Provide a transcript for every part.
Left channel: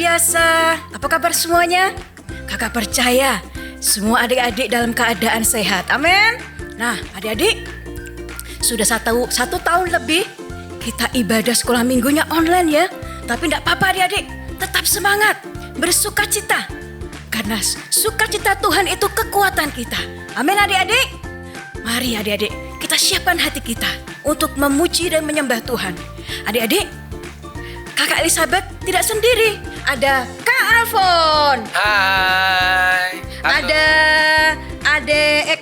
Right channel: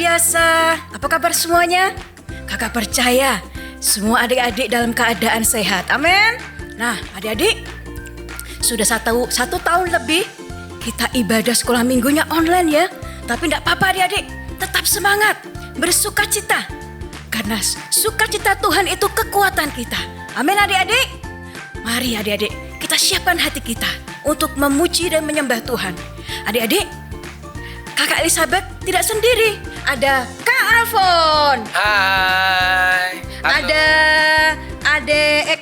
biasa. Apa kabar semuanya? Kakak percaya semua adik-adik dalam keadaan sehat. Amin. Nah, adik-adik, sudah satu tahun lebih kita ibadah sekolah minggunya online ya. Tapi tidak apa-apa adik-adik, tetap semangat, bersukacita. Karena sukacita Tuhan itu kekuatan kita. Amin adik-adik. Mari adik-adik, kita siapkan hati kita untuk memuji dan menyembah Tuhan. Adik-adik, Kakak Elizabeth tidak sendiri. Ada Kak Alfon. Hai. Halo. Ada Adek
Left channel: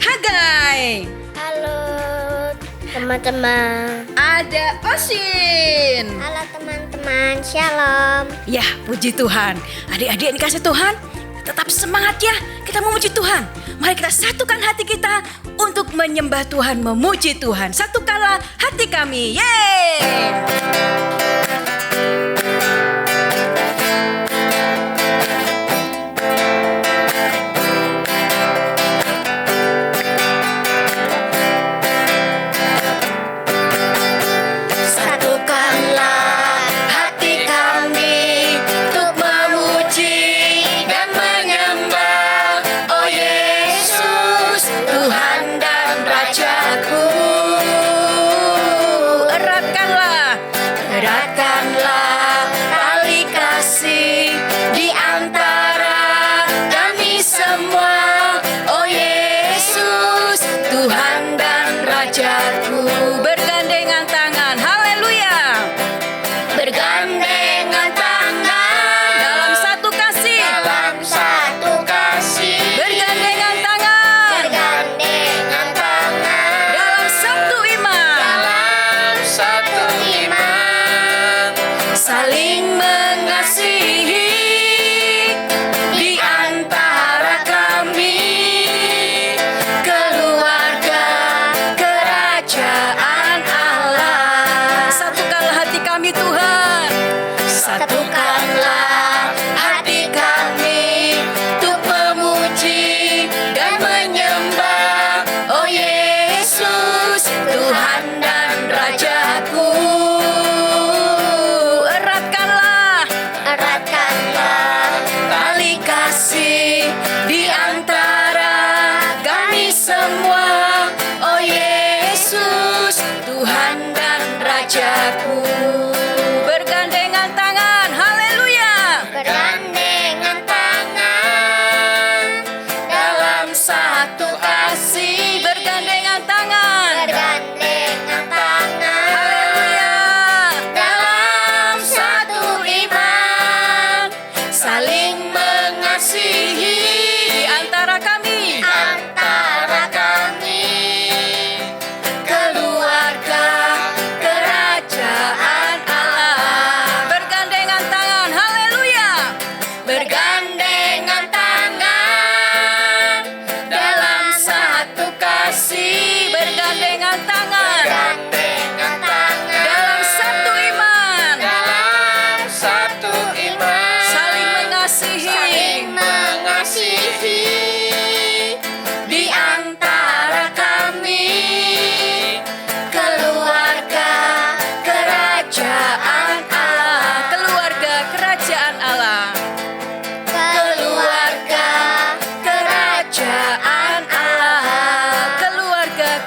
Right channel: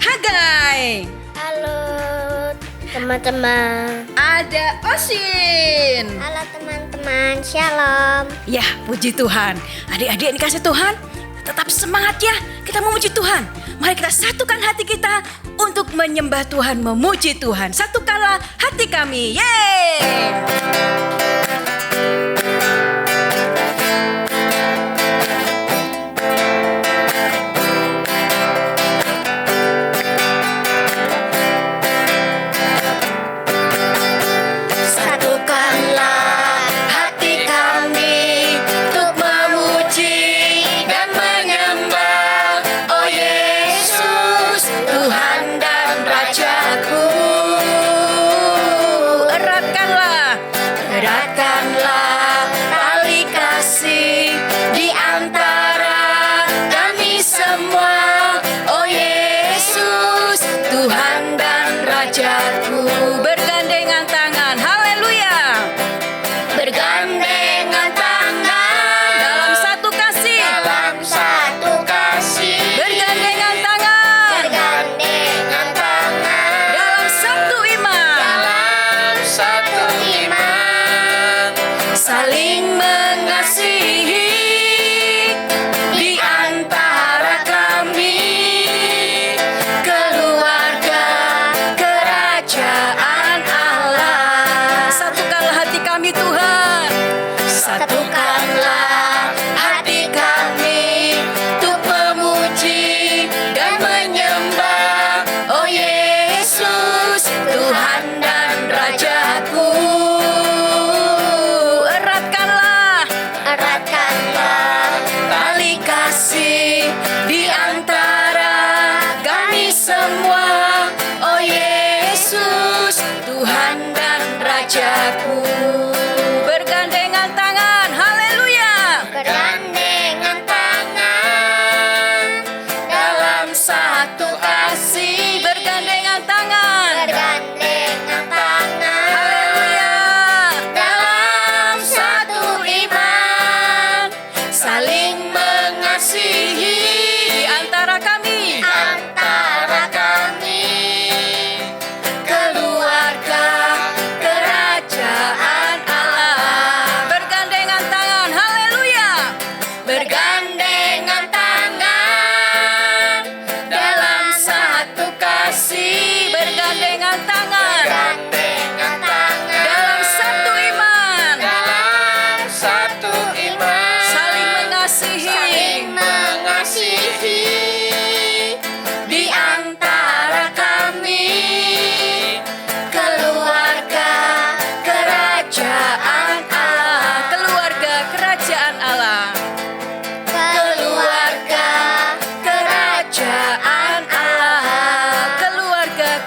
Hagai. Halo teman-teman. Ada Osin. Halo teman-teman, shalom. Ya, puji Tuhan. Adik-adik yang dikasih Tuhan, tetap semangat ya. Kita memuji Tuhan. Mari kita satukan hati kita untuk menyembah Tuhan, memuji Tuhan. Satukanlah hati kami. Yeay!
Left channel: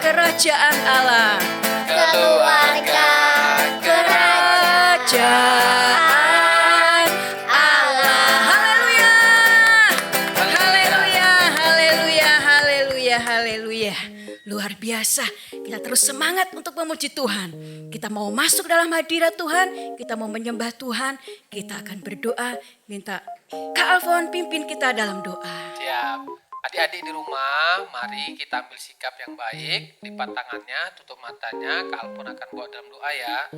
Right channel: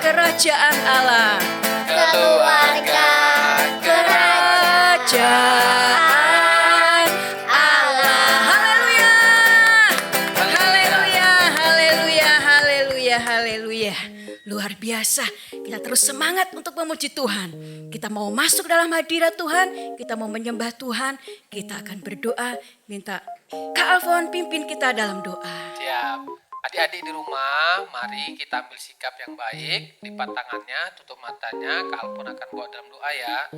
Kerajaan Allah. Keluarga kerajaan Allah. Haleluya. Haleluya, haleluya, haleluya, haleluya. Luar biasa. Kita terus semangat untuk memuji Tuhan. Kita mau masuk dalam hadirat Tuhan, kita mau menyembah Tuhan, kita akan berdoa, minta Kak Alfon pimpin kita dalam doa. Siap. Adik-adik di rumah, mari kita ambil sikap yang baik, lipat tangannya, tutup matanya, Kak Alfon akan bawa dalam doa ya.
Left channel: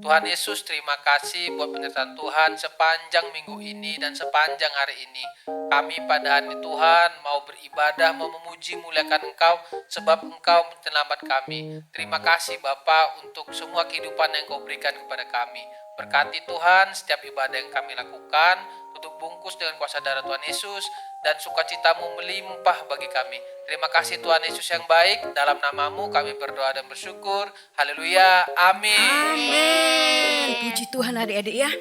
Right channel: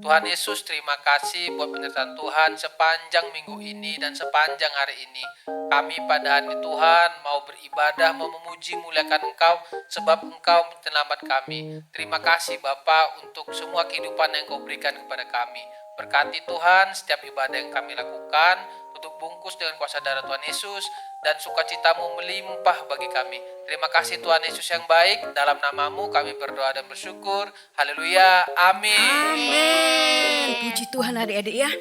Tuhan Yesus, terima kasih buat penyertaan Tuhan sepanjang minggu ini dan sepanjang hari ini. Kami pada hari Tuhan mau beribadah, mau memuji, muliakan Engkau, sebab Engkau penyelamat kami. Terima kasih Bapa untuk semua kehidupan yang Kau berikan kepada kami. Berkati Tuhan setiap ibadah yang kami lakukan, tutup bungkus dengan kuasa darah Tuhan Yesus, dan sukacitamu melimpah bagi kami. Terima kasih Tuhan Yesus yang baik, dalam namamu kami berdoa dan bersyukur. Haleluya, amin. Amin. Puji Tuhan adik-adik ya.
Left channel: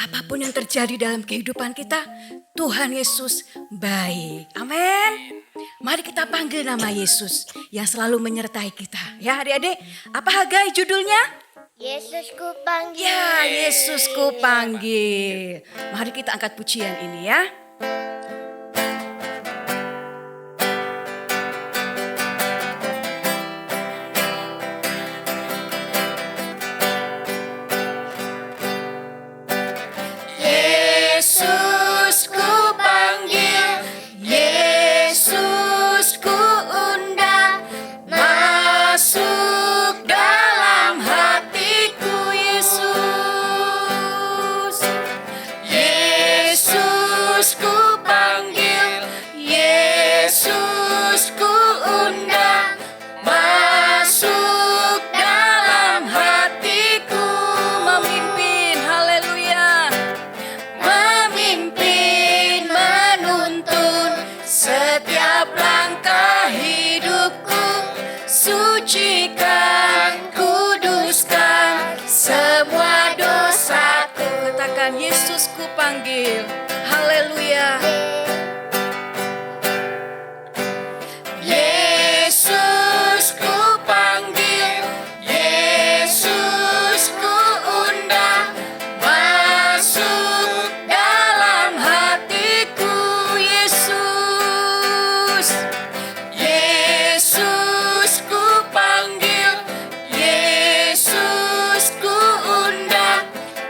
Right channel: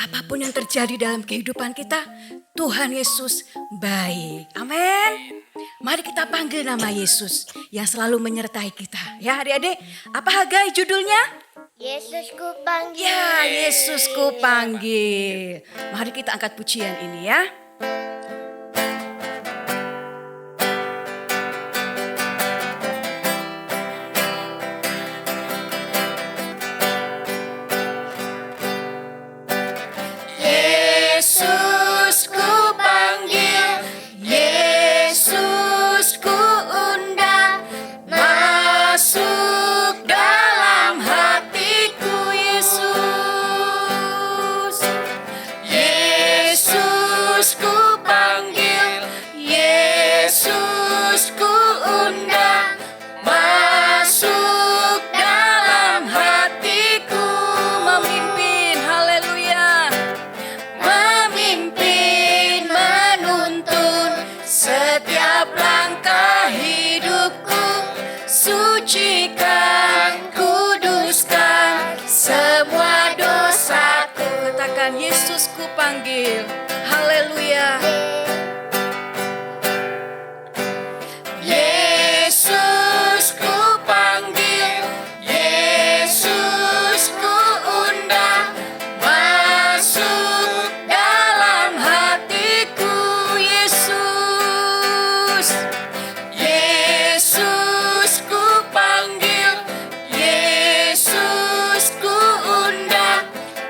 apapun yang terjadi dalam kehidupan kita, Tuhan Yesus baik. Amin. Mari kita panggil nama Yesus yang selalu menyertai kita. Ya adik-adik, apa Hagai judulnya? Yesusku panggil. Ya, Yesusku panggil. Mari kita angkat pujian ini ya. Yesusku panggil, Yesusku undang, masuk dalam hatiku Yesus. Yesusku panggil, Yesusku undang, masuk dalam hatiku, memimpin, haleluya. Memimpin, menuntun setiap langkah hidupku, sucikan, kuduskan semua dosaku. Katakan Yesusku panggil, haleluya. Yesusku panggil, Yesusku undang, masuk dalam hatiku Yesus. Yesusku panggil, Yesusku undang,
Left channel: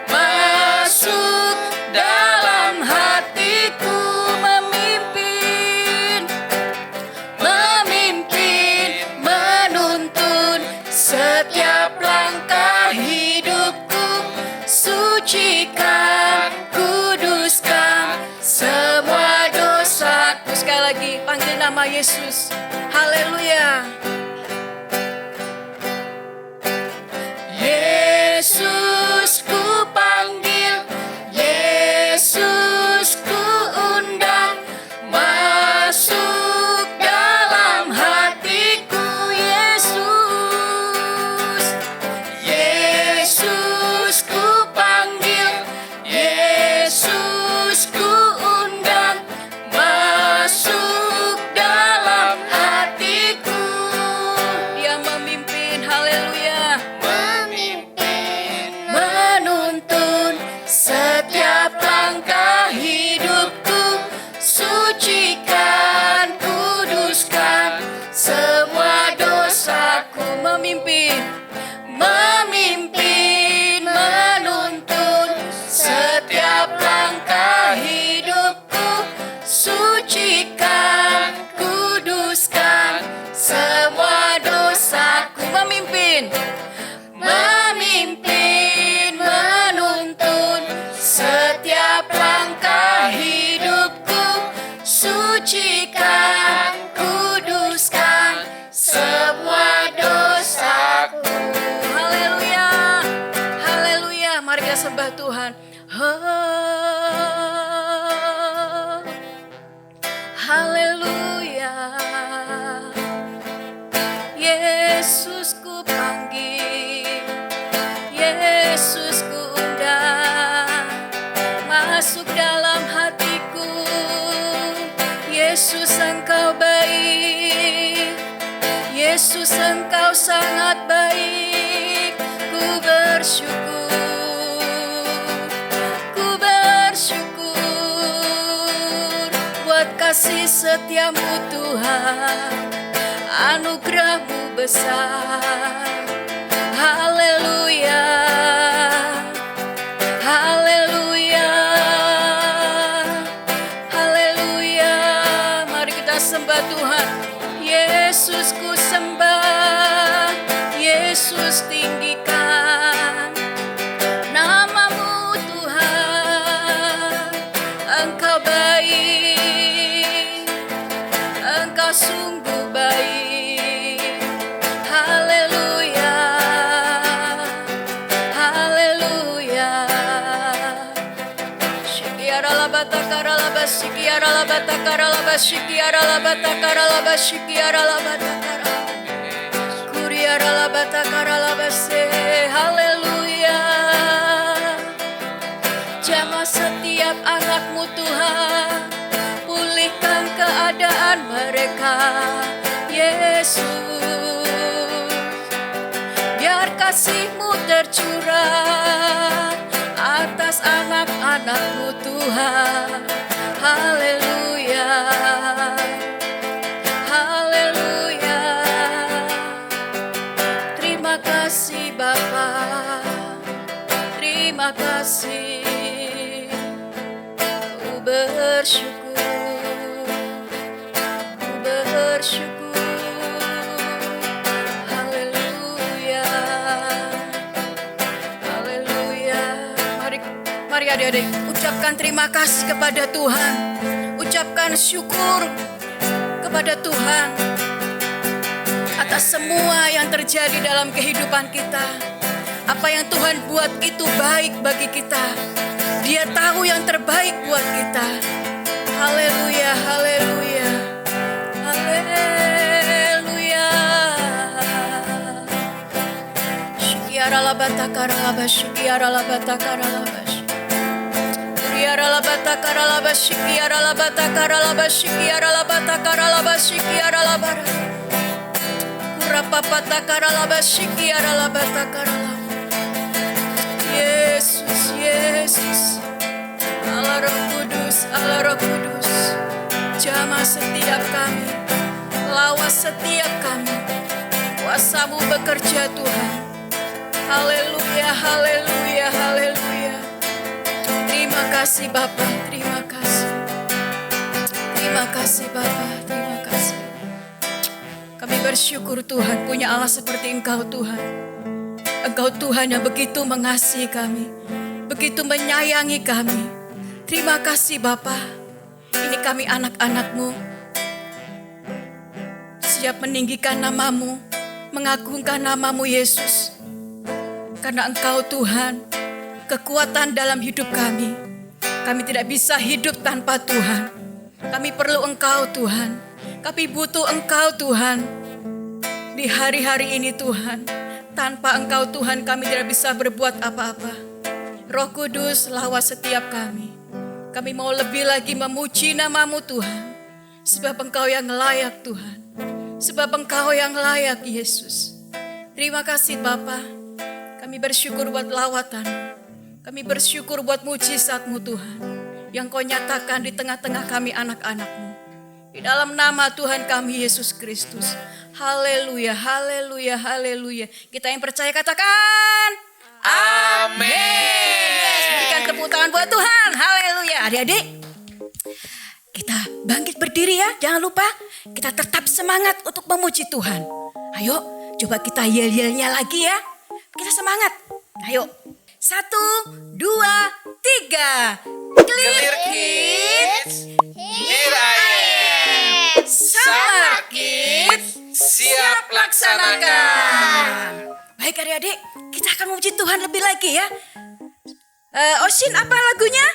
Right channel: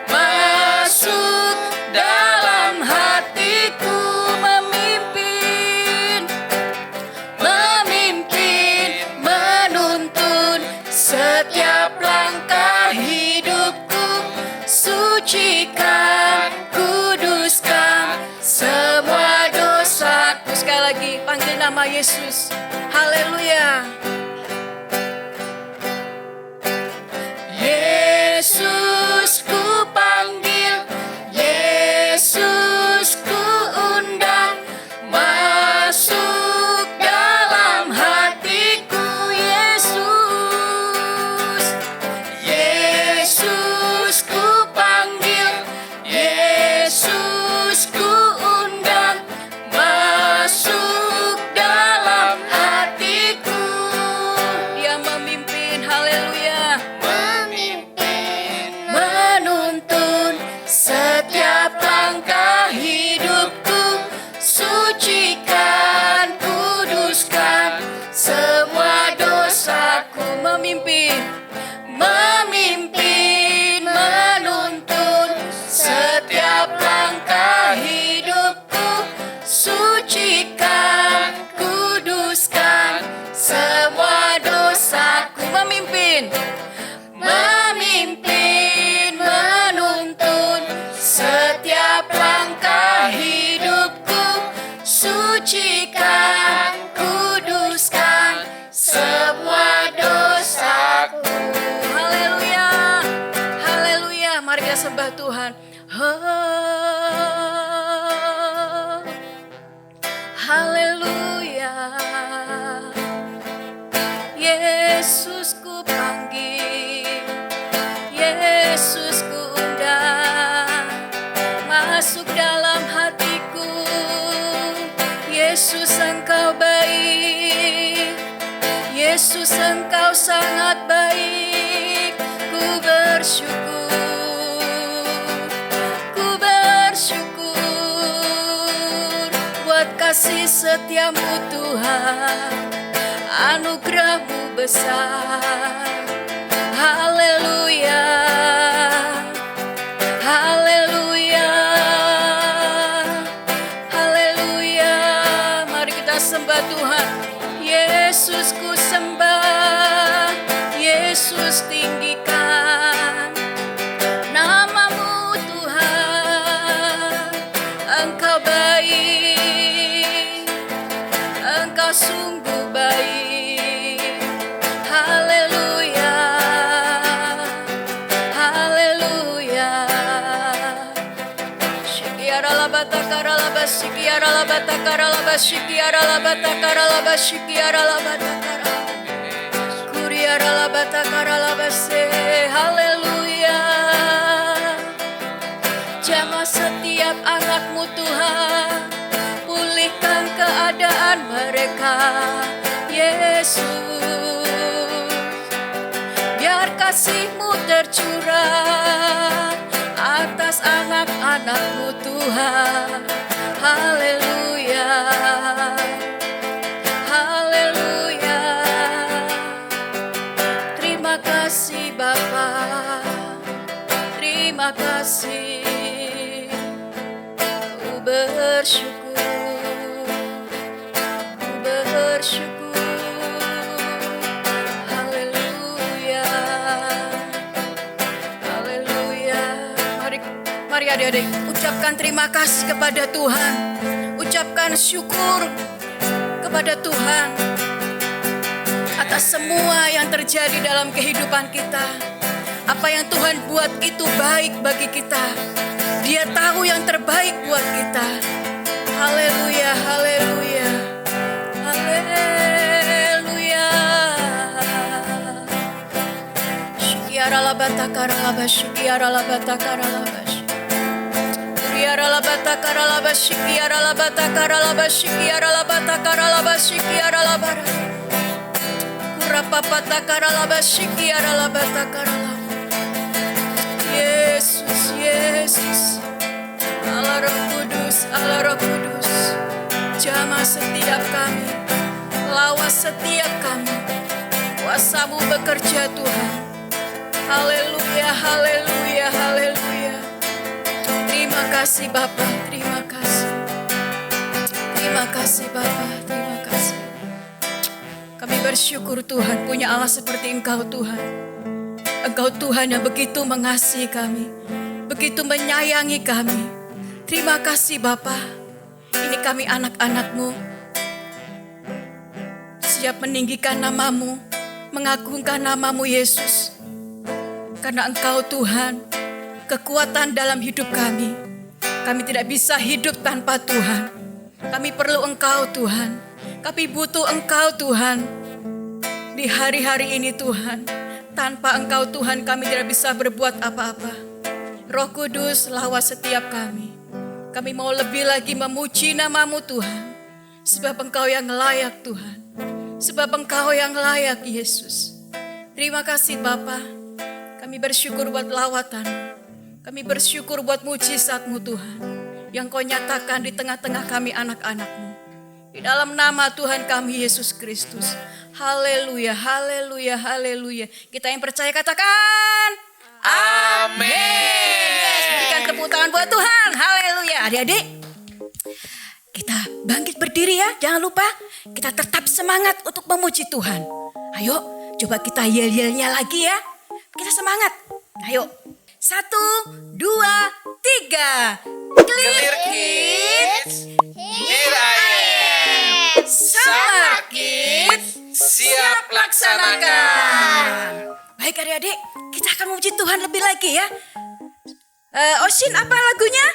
masuk dalam hatiku, memimpin, memimpin, menuntun setiap langkah hidupku, sucikan, kuduskan semua dosaku. Sekali lagi panggil nama Yesus, haleluya. Yesusku panggil, Yesusku undang, masuk dalam hatiku Yesus. Yesusku panggil, Yesusku undang, masuk dalam hatiku. Dia memimpin, haleluya. Memimpin. Menuntun setiap langkah hidupku, sucikan, kuduskan semua dosaku, memimpin, memimpin, menuntun setiap langkah hidupku, sucikan, kuduskan semua dosaku, memimpin, memimpin, menuntun setiap langkah hidupku, sucikan, kuduskan semua dosaku. Haleluya, haleluya. Mari kita sembah Tuhan. Haleluya. Yesusku panggil, Yesusku undang, masuk dalam hatiku. Yesus engkau baik, Yesus engkau sangat baik. Ku bersyukur buat kasih setiamu Tuhan, anugerahmu besar. Haleluya, haleluya, haleluya. Mari kita sembah Tuhan. Yesus ku sembah, Yesus tinggikan namamu Tuhan. Engkau baik, engkau sungguh baik. Haleluya, haleluya. Shikiara labata karalaba, shikiara labata karalaba, shikiara labata karalaba, shikiara labata karalaba. Kuriara labata karalaba se. Haleluya, Tuhan mereka, Yesus. Biar kasih-Mu tercurah atas anak-anak-Mu Tuhan. Haleluya, haleluya. Terima kasih Bapa, terima kasih. Ku bersyukur, ku bersyukur. Haleluya, haleluya. Mari adik-adik, ucapkan terima kasih kepada Tuhan. Ucapkan syukur kepada Tuhan atas semua yang terjadi dalam kehidupan kita. Apa yang Tuhan buat itu baik bagi kita. Dia tahu yang terbaik buat kita. Haleluya, haleluya, haleluya. Syikiara labata karalabas, syikiara labata karalabas. Syikiara labata karalabas, syikiara labata karalabas, syikiara labata karalabas, syikiara labata. Kurapapata karalabas, syikiara labata karalabas. Yesus, Yesus, Allah Roh Kudus, Allah Roh Kudus, jamah setiap kami, lawas setiap kami, kuasa-Mu bekerja Tuhan. Haleluya, haleluya, haleluya. Terima kasih Bapa, terima kasih. Terima kasih Bapa, terima kasih. Kami bersyukur Tuhan punya Allah seperti Engkau Tuhan. Engkau Tuhan yang begitu mengasihi kami, begitu menyayangi kami. Terima kasih Bapa. Ini kami anak-anak-Mu, siap meninggikan nama-Mu, mengagungkan nama-Mu Yesus. Karena Engkau Tuhan, kekuatan dalam hidup kami. Kami tidak bisa hidup tanpa Tuhan. Kami perlu Engkau Tuhan. Kami butuh Engkau Tuhan. Di hari-hari ini Tuhan, tanpa Engkau Tuhan kami tidak bisa berbuat apa-apa. Roh Kudus lawas setiap kami. Kami mau lebih lagi memuji nama-Mu Tuhan. Sebab Engkau yang layak Tuhan. Sebab Engkau yang layak Yesus. Terima kasih Bapa. Kami bersyukur buat lawatan. Kami bersyukur buat mujizat-Mu Tuhan. Yang Kau nyatakan di tengah-tengah kami anak-anak-Mu. Di dalam nama Tuhan kami Yesus Kristus. Haleluya, haleluya, haleluya. Kita yang percaya katakan amin. Yes, berikan tepuk tangan buat Tuhan. Haleluya. Adik-adik, kita bangkit berdiri ya. Jangan lupa kita tetap semangat untuk memuji Tuhan. Ayo, coba kita yel-yelnya lagi ya. Kita semangat. Ayo. 1, 2, 3. Clear Kids. Here I am. Summer Kids. Siap laksanakan. Baik adik-adik, kita akan memuji Tuhan lebih lagi ya. Osin, apa lagunya?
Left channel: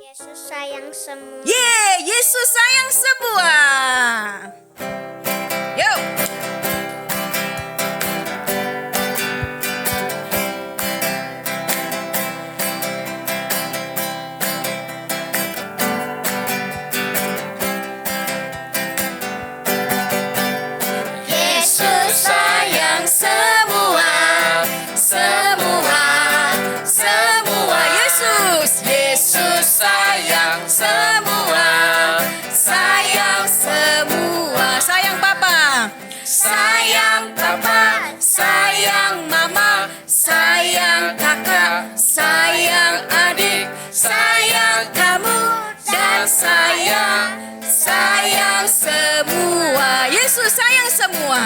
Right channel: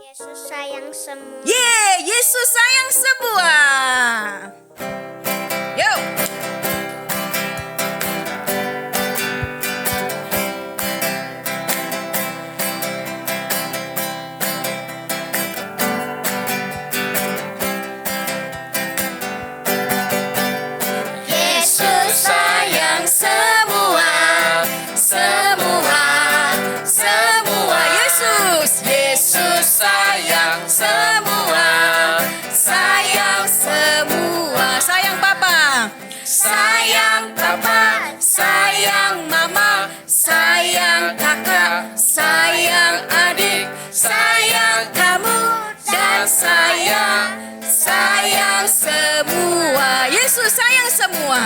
Yesus sayang semua. Yesus sayang semua. Yuk. Yesus sayang semua, semua, semua. Yesus sayang semua, sayang semua. Sayang Papa, sayang Papa, sayang Mama, sayang kakak, sayang adik, sayang kamu, dan sayang semua. Yesus sayang semua.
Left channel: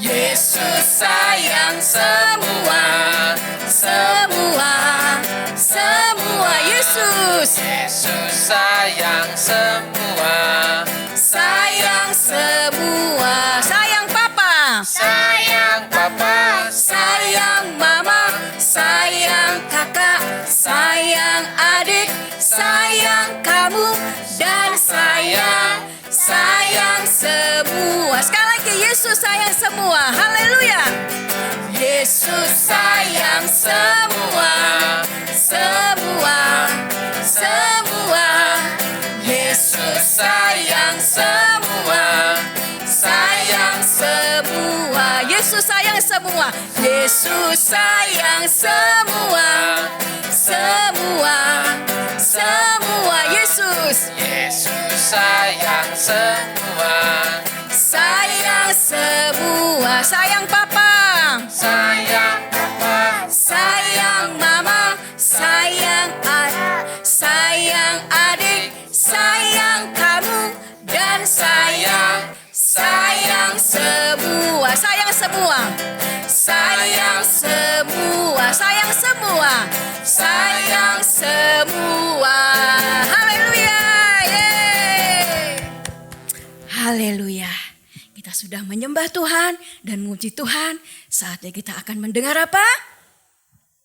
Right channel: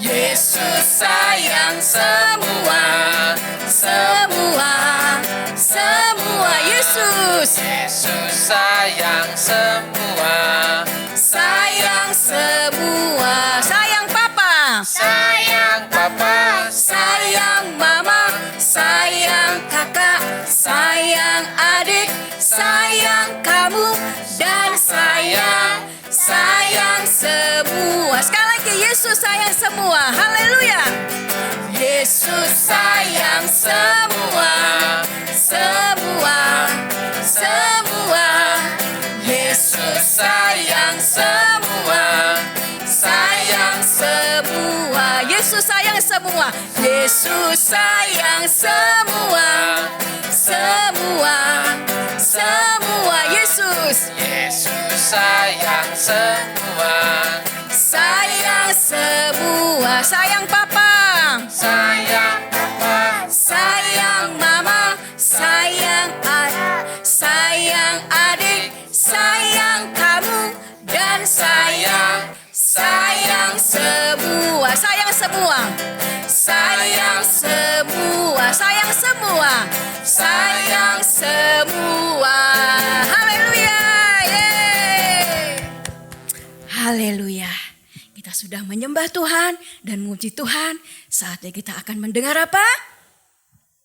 Yesus sayang semua, semua, semua. Yesus sayang semua, sayang semua. Sayang Papa, sayang Papa, sayang Mama, sayang kakak, sayang adik, sayang kamu, dan sayang semua. Sekali lagi, Yesus sayang semua. Haleluya. Yesus sayang semua, semua, semua. Yesus sayang semua, sayang semua. Yesus sayang semua, Yesus sayang semua, semua, semua. Yesus, Yesus sayang semua, sayang semua. Sayang papa, sayang Papa, sayang mama, sayang sayang adik, sayang kamu, dan sayang semua, sayang semua, sayang semua, sayang semua, sayang semua. Haleluya, yeay. Haleluya. Kita sudah menyembah Tuhan dan memuji Tuhan. Saatnya kita akan mendengar apa?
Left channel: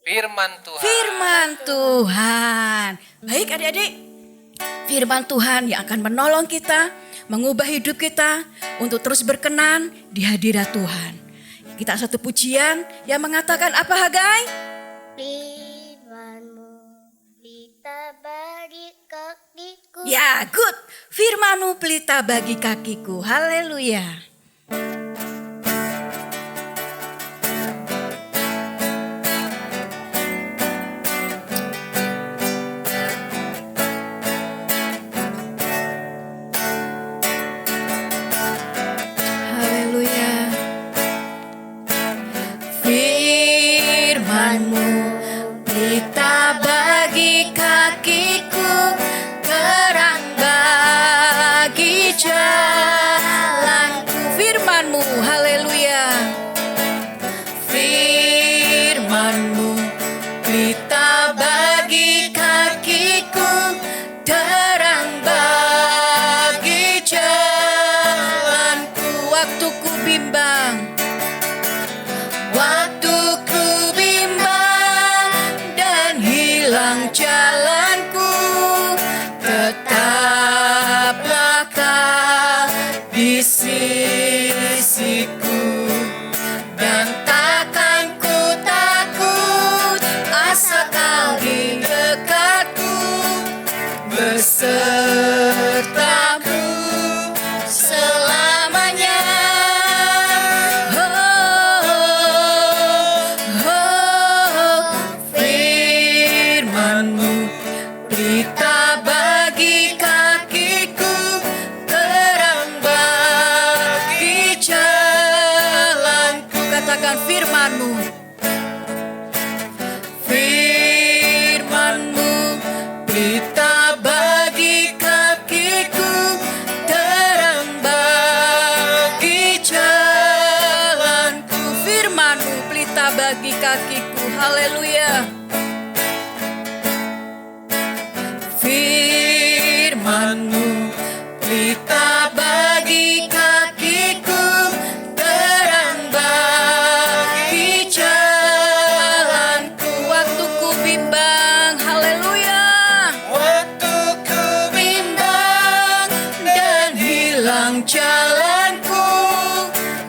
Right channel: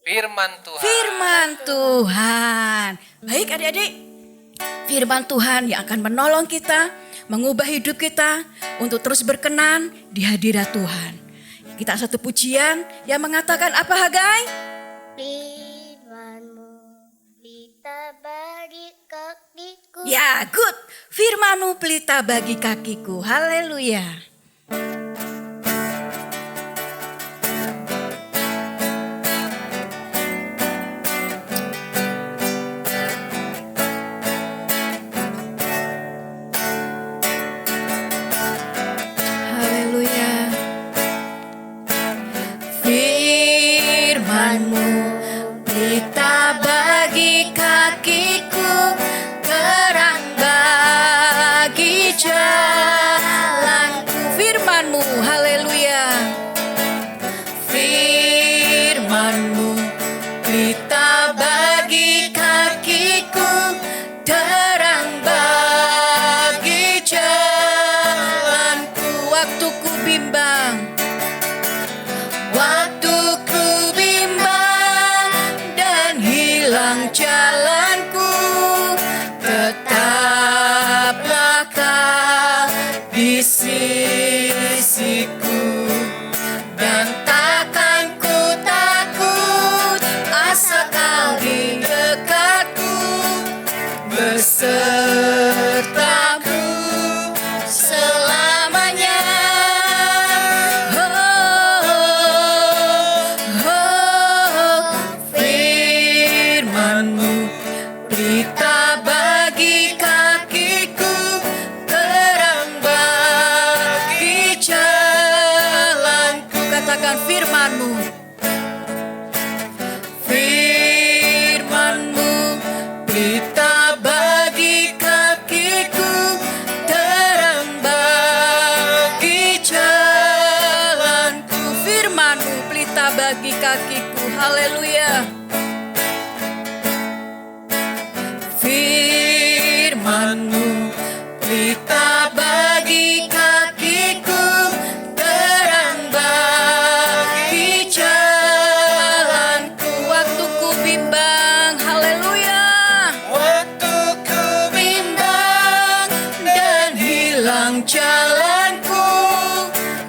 firman Tuhan. Firman Tuhan. Baik adik-adik, firman Tuhan yang akan menolong kita, mengubah hidup kita untuk terus berkenan di hadirat Tuhan. Kita satu pujian yang mengatakan apa, Hagai? Firman-Mu pelita bagi kakiku. Ya, good. Firman-Mu pelita bagi kakiku. Haleluya. Haleluya. Firman-Mu pelita bagi kakiku, terang bagi jalanku. Firman-Mu, haleluya. Firman-Mu pelita bagi kakiku, terang bagi jalanku. Waktu ku bimbang, waktu ku bimbang dan hilang jalanku, tetaplah Kau di sisiku, dan takkan ku takut asal Kau di dekatku, besertaku selamanya. Firman-Mu pelita bagi kakiku, terang bagi jalanku. Katakan firman-Mu. Firman-Mu pelita bagi kakiku, terang bagi jalanku. Firman-Mu pelita bagi kakiku. Haleluya. Firman-Mu pelita bagi kakiku, terang bagi jalanku. Waktu ku bimbang, haleluya. Waktu ku bimbang dan hilang jalanku,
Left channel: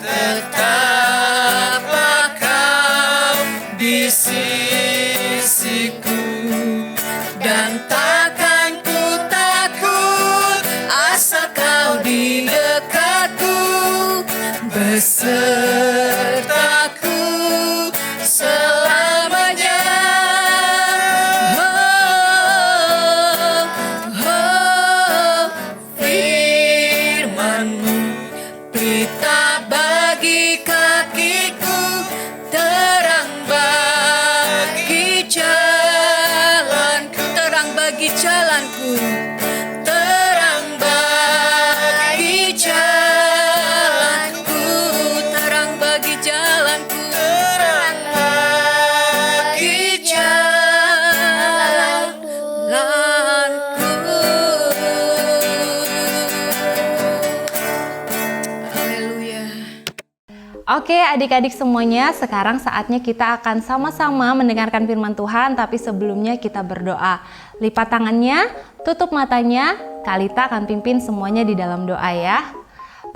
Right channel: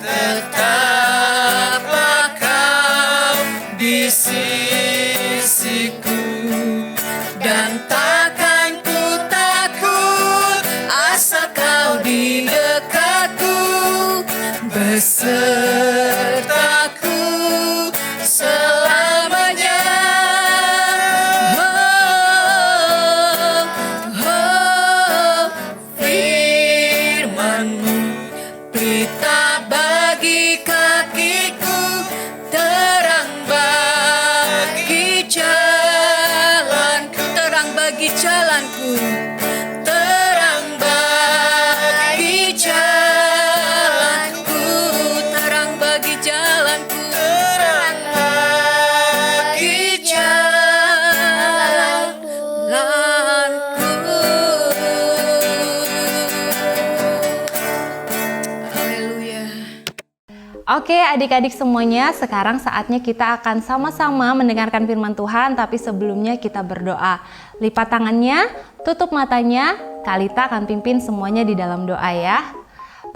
tetaplah Kau di sisiku, dan takkan ku takut asal Kau di dekatku, besertaku selamanya. Firman-Mu pelita bagi kakiku, terang bagi jalanku, terang bagi jalanku, terang bagi jalanku, terang bagi jalanku, terang bagi jalanku. Haleluya. Oke adik-adik semuanya, sekarang saatnya kita akan sama-sama mendengarkan firman Tuhan, tapi sebelumnya kita berdoa. Lipat tangannya, tutup matanya, Kalita akan pimpin semuanya di dalam doa ya.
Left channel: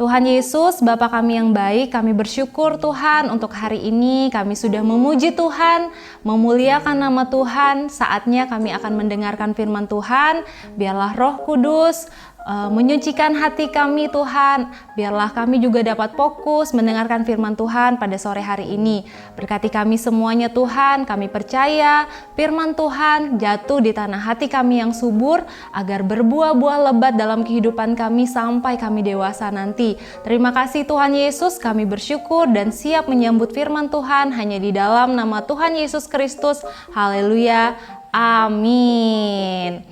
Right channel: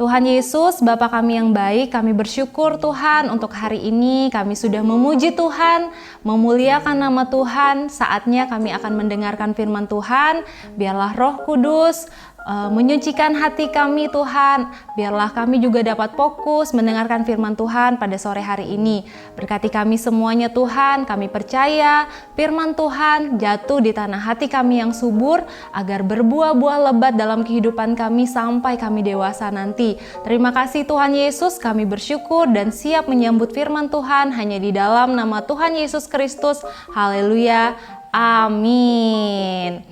Tuhan Yesus, Bapa kami yang baik, kami bersyukur Tuhan untuk hari ini kami sudah memuji Tuhan, memuliakan nama Tuhan. Saatnya kami akan mendengarkan firman Tuhan. Biarlah Roh Kudus menyucikan hati kami Tuhan. Biarlah kami juga dapat fokus mendengarkan firman Tuhan pada sore hari ini. Berkati kami semuanya Tuhan, kami percaya firman Tuhan jatuh di tanah hati kami yang subur agar berbuah-buah lebat dalam kehidupan kami sampai kami dewasa nanti. Terima kasih Tuhan Yesus, kami bersyukur dan siap menyambut firman Tuhan hanya di dalam nama Tuhan Yesus Kristus. Haleluya. Amin.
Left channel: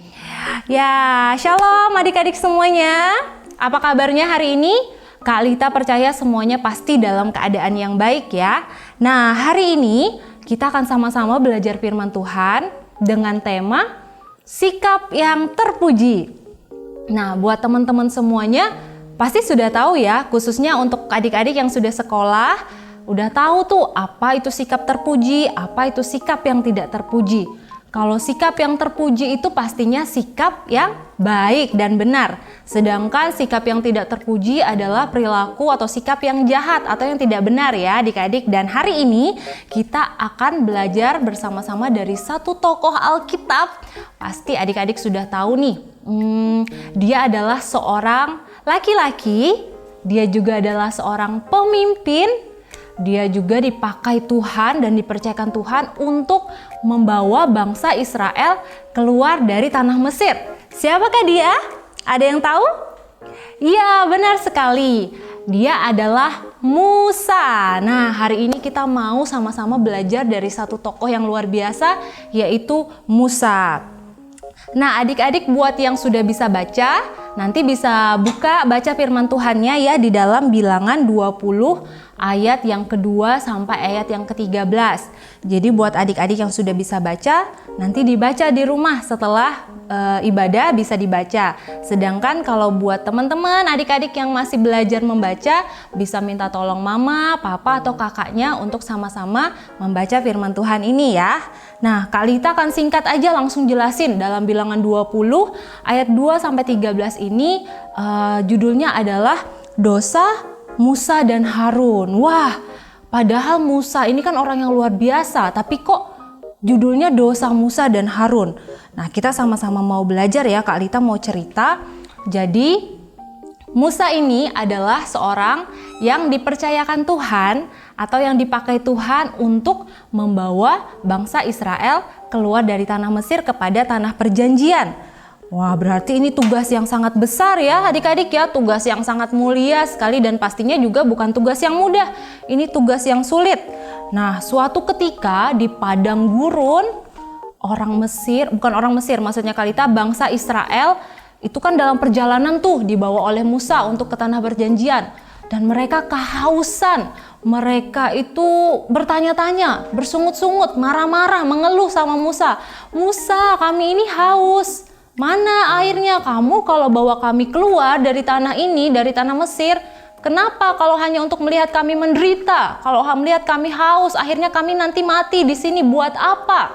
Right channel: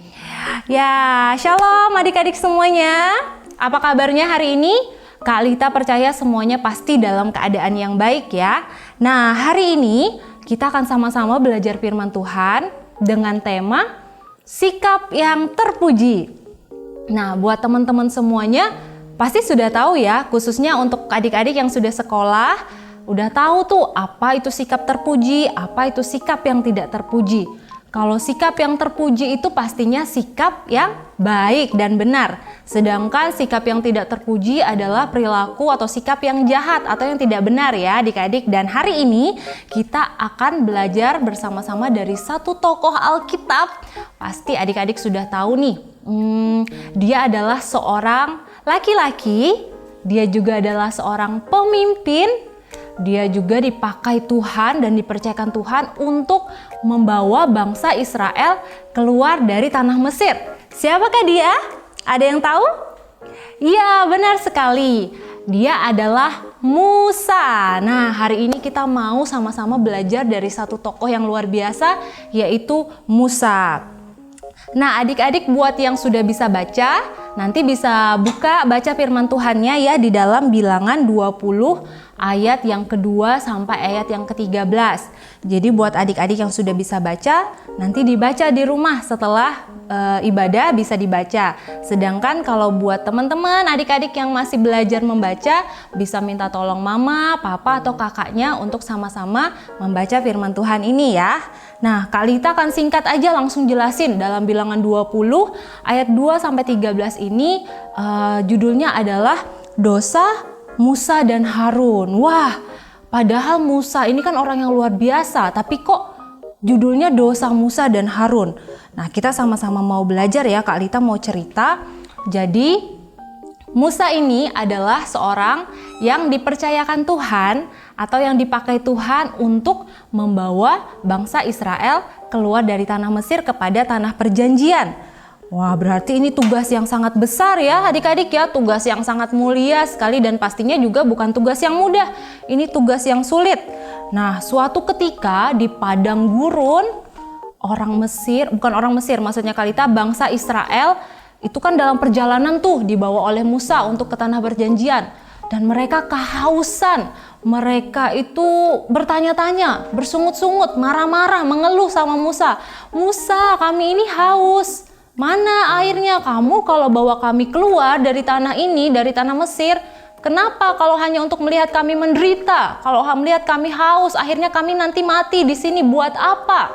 Ya, shalom adik-adik semuanya. Apa kabarnya hari ini? Kak Lita percaya semuanya pasti dalam keadaan yang baik ya. Nah, hari ini kita akan sama-sama belajar firman Tuhan dengan tema sikap yang terpuji. Nah, buat teman-teman semuanya pasti sudah tahu ya, khususnya untuk adik-adik yang sudah sekolah, udah tahu tuh apa itu sikap terpuji, apa itu sikap yang tidak terpuji. Kalau sikap yang terpuji itu pastinya sikap yang baik dan benar. Sedangkan sikap yang tidak terpuji adalah perilaku atau sikap yang jahat atau yang tidak benar ya adik-adik. Dan hari ini kita akan belajar bersama-sama dari satu tokoh Alkitab. Pasti adik-adik sudah tahu nih, dia adalah seorang laki-laki, dia juga adalah seorang pemimpin. Dia juga dipakai Tuhan dan dipercayakan Tuhan untuk membawa bangsa Israel keluar dari tanah Mesir. Siapakah dia? Ada yang tahu? Iya, benar sekali. Dia adalah Musa. Nah, hari ini kita mau sama-sama belajar dari satu tokoh yang luar biasa, yaitu Musa. Nah, adik-adik buat yang sudah bisa baca, nanti bisa baca firman Tuhannya ya di dalam Bilangan 20 ayat yang kedua sampai ayat yang ke-13. Jadi buat adik-adik yang sudah bisa baca, nanti dibaca di rumah setelah ibadah bisa dibaca. Sedangkan kalau buat teman-teman adik-adik yang masih belajar membaca, bisa minta tolong mama, papa atau kakaknya untuk sama-sama membaca firman Tuhan ini ya. Nah, Kak Lita akan singkat aja langsung jelasin dalam Bilangan 20 ayat 2 sampai 13 ini judulnya adalah dosa Musa dan Harun. Wah, padahal Musa ini kan orang yang luar biasa, tapi kok judulnya dosa Musa dan Harun. Nah, kita sama-sama mau belajar ya, Kak Lita mau cerita. Jadi, Musa ini adalah seorang yang dipercayakan Tuhan atau yang dipakai Tuhan untuk membawa bangsa Israel keluar dari tanah Mesir kepada tanah perjanjian. Wah, berarti ini tugas yang sangat besar ya adik-adik ya, tugas yang sangat mulia sekali dan pastinya juga bukan tugas yang mudah, ini tugas yang sulit. Nah, suatu ketika di padang gurun, maksudnya Kak Lita, bangsa Israel itu kan dalam perjalanan tuh dibawa oleh Musa untuk ke tanah perjanjian dan mereka kehausan. Mereka itu bertanya-tanya, bersungut-sungut, marah-marah, mengeluh sama Musa. Musa, kami ini haus. Mana airnya? Kamu kalau bawa kami keluar dari tanah ini, dari tanah Mesir, kenapa kalau hanya untuk melihat kami menderita? Kalau melihat kami haus, akhirnya kami nanti mati di sini buat apa?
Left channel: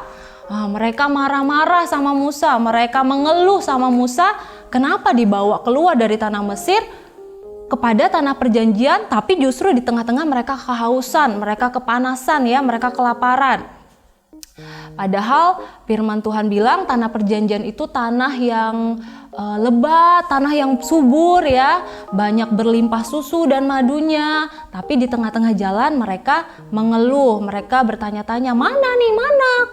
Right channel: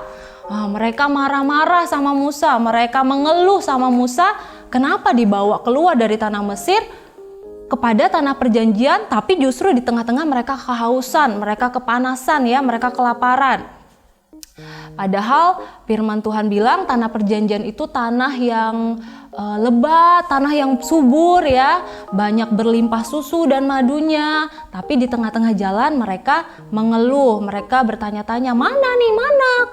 Mereka marah-marah sama Musa, mereka mengeluh sama Musa, kenapa dibawa keluar dari tanah Mesir kepada tanah perjanjian, tapi justru di tengah-tengah mereka kehausan, mereka kepanasan ya, mereka kelaparan. Padahal firman Tuhan bilang tanah perjanjian itu tanah yang lebat, tanah yang subur ya, banyak berlimpah susu dan madunya. Tapi di tengah-tengah jalan mereka mengeluh, mereka bertanya-tanya, mana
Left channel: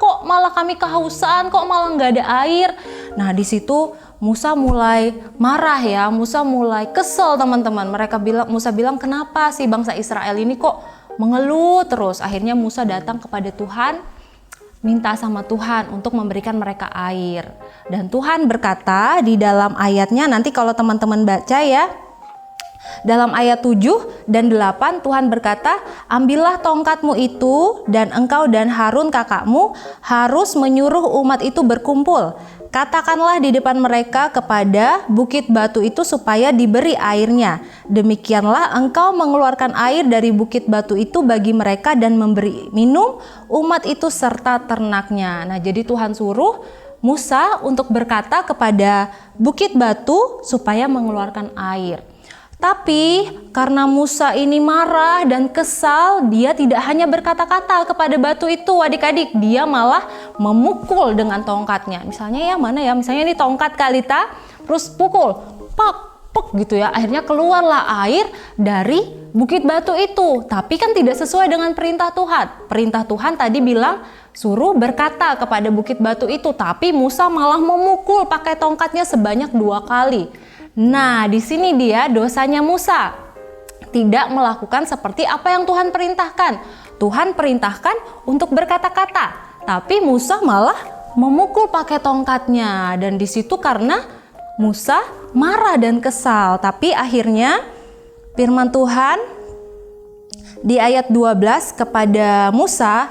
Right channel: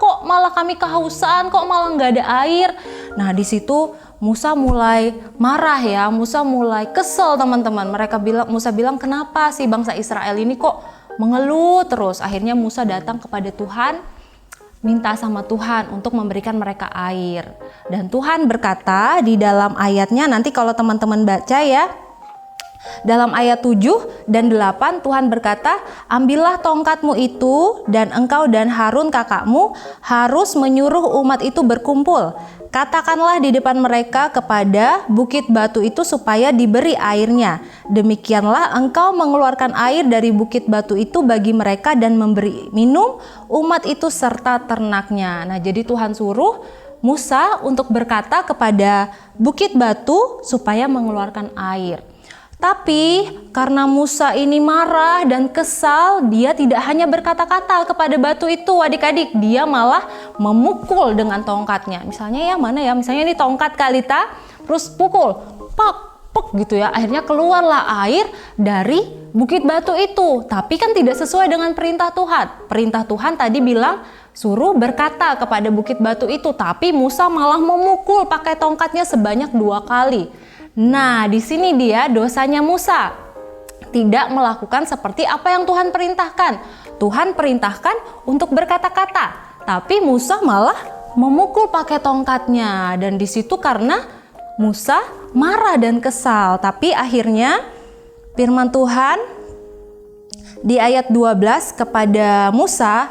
kok malah kami kehausan, kok malah nggak ada air. Nah, di situ Musa mulai marah ya, Musa mulai kesel teman-teman. Musa bilang, kenapa sih bangsa Israel ini kok mengeluh terus? Akhirnya Musa datang kepada Tuhan, minta sama Tuhan untuk memberikan mereka air. Dan Tuhan berkata di dalam ayatnya, nanti kalau teman-teman baca ya, dalam ayat 7 dan 8 Tuhan berkata, ambillah tongkatmu itu dan engkau dan Harun kakakmu harus menyuruh umat itu berkumpul. Katakanlah di depan mereka kepada bukit batu itu supaya diberi airnya. Demikianlah engkau mengeluarkan air dari bukit batu itu bagi mereka dan memberi minum umat itu serta ternaknya. Nah, jadi Tuhan suruh Musa untuk berkata kepada bukit batu supaya mengeluarkan air. Tapi karena Musa ini marah dan kesal, dia tidak hanya berkata-kata kepada batu itu adik-adik, dia malah memukul dengan tongkatnya. Misalnya ini tongkat Kak Lita, terus pukul, pek gitu ya. Akhirnya keluarlah air dari bukit batu itu. Tapi kan tidak sesuai dengan perintah Tuhan. Perintah Tuhan tadi bilang suruh berkata kepada bukit batu itu, tapi Musa malah memukul pakai tongkatnya sebanyak 2 kali. Nah, di sini dia dosanya Musa. Tidak melakukan seperti apa yang Tuhan perintahkan. Tuhan perintahkan untuk berkata-kata, tapi Musa malah memukul pakai tongkatnya. Dan di situ karena Musa marah dan kesal. Tapi akhirnya firman Tuhan di ayat 12 kepada Musa,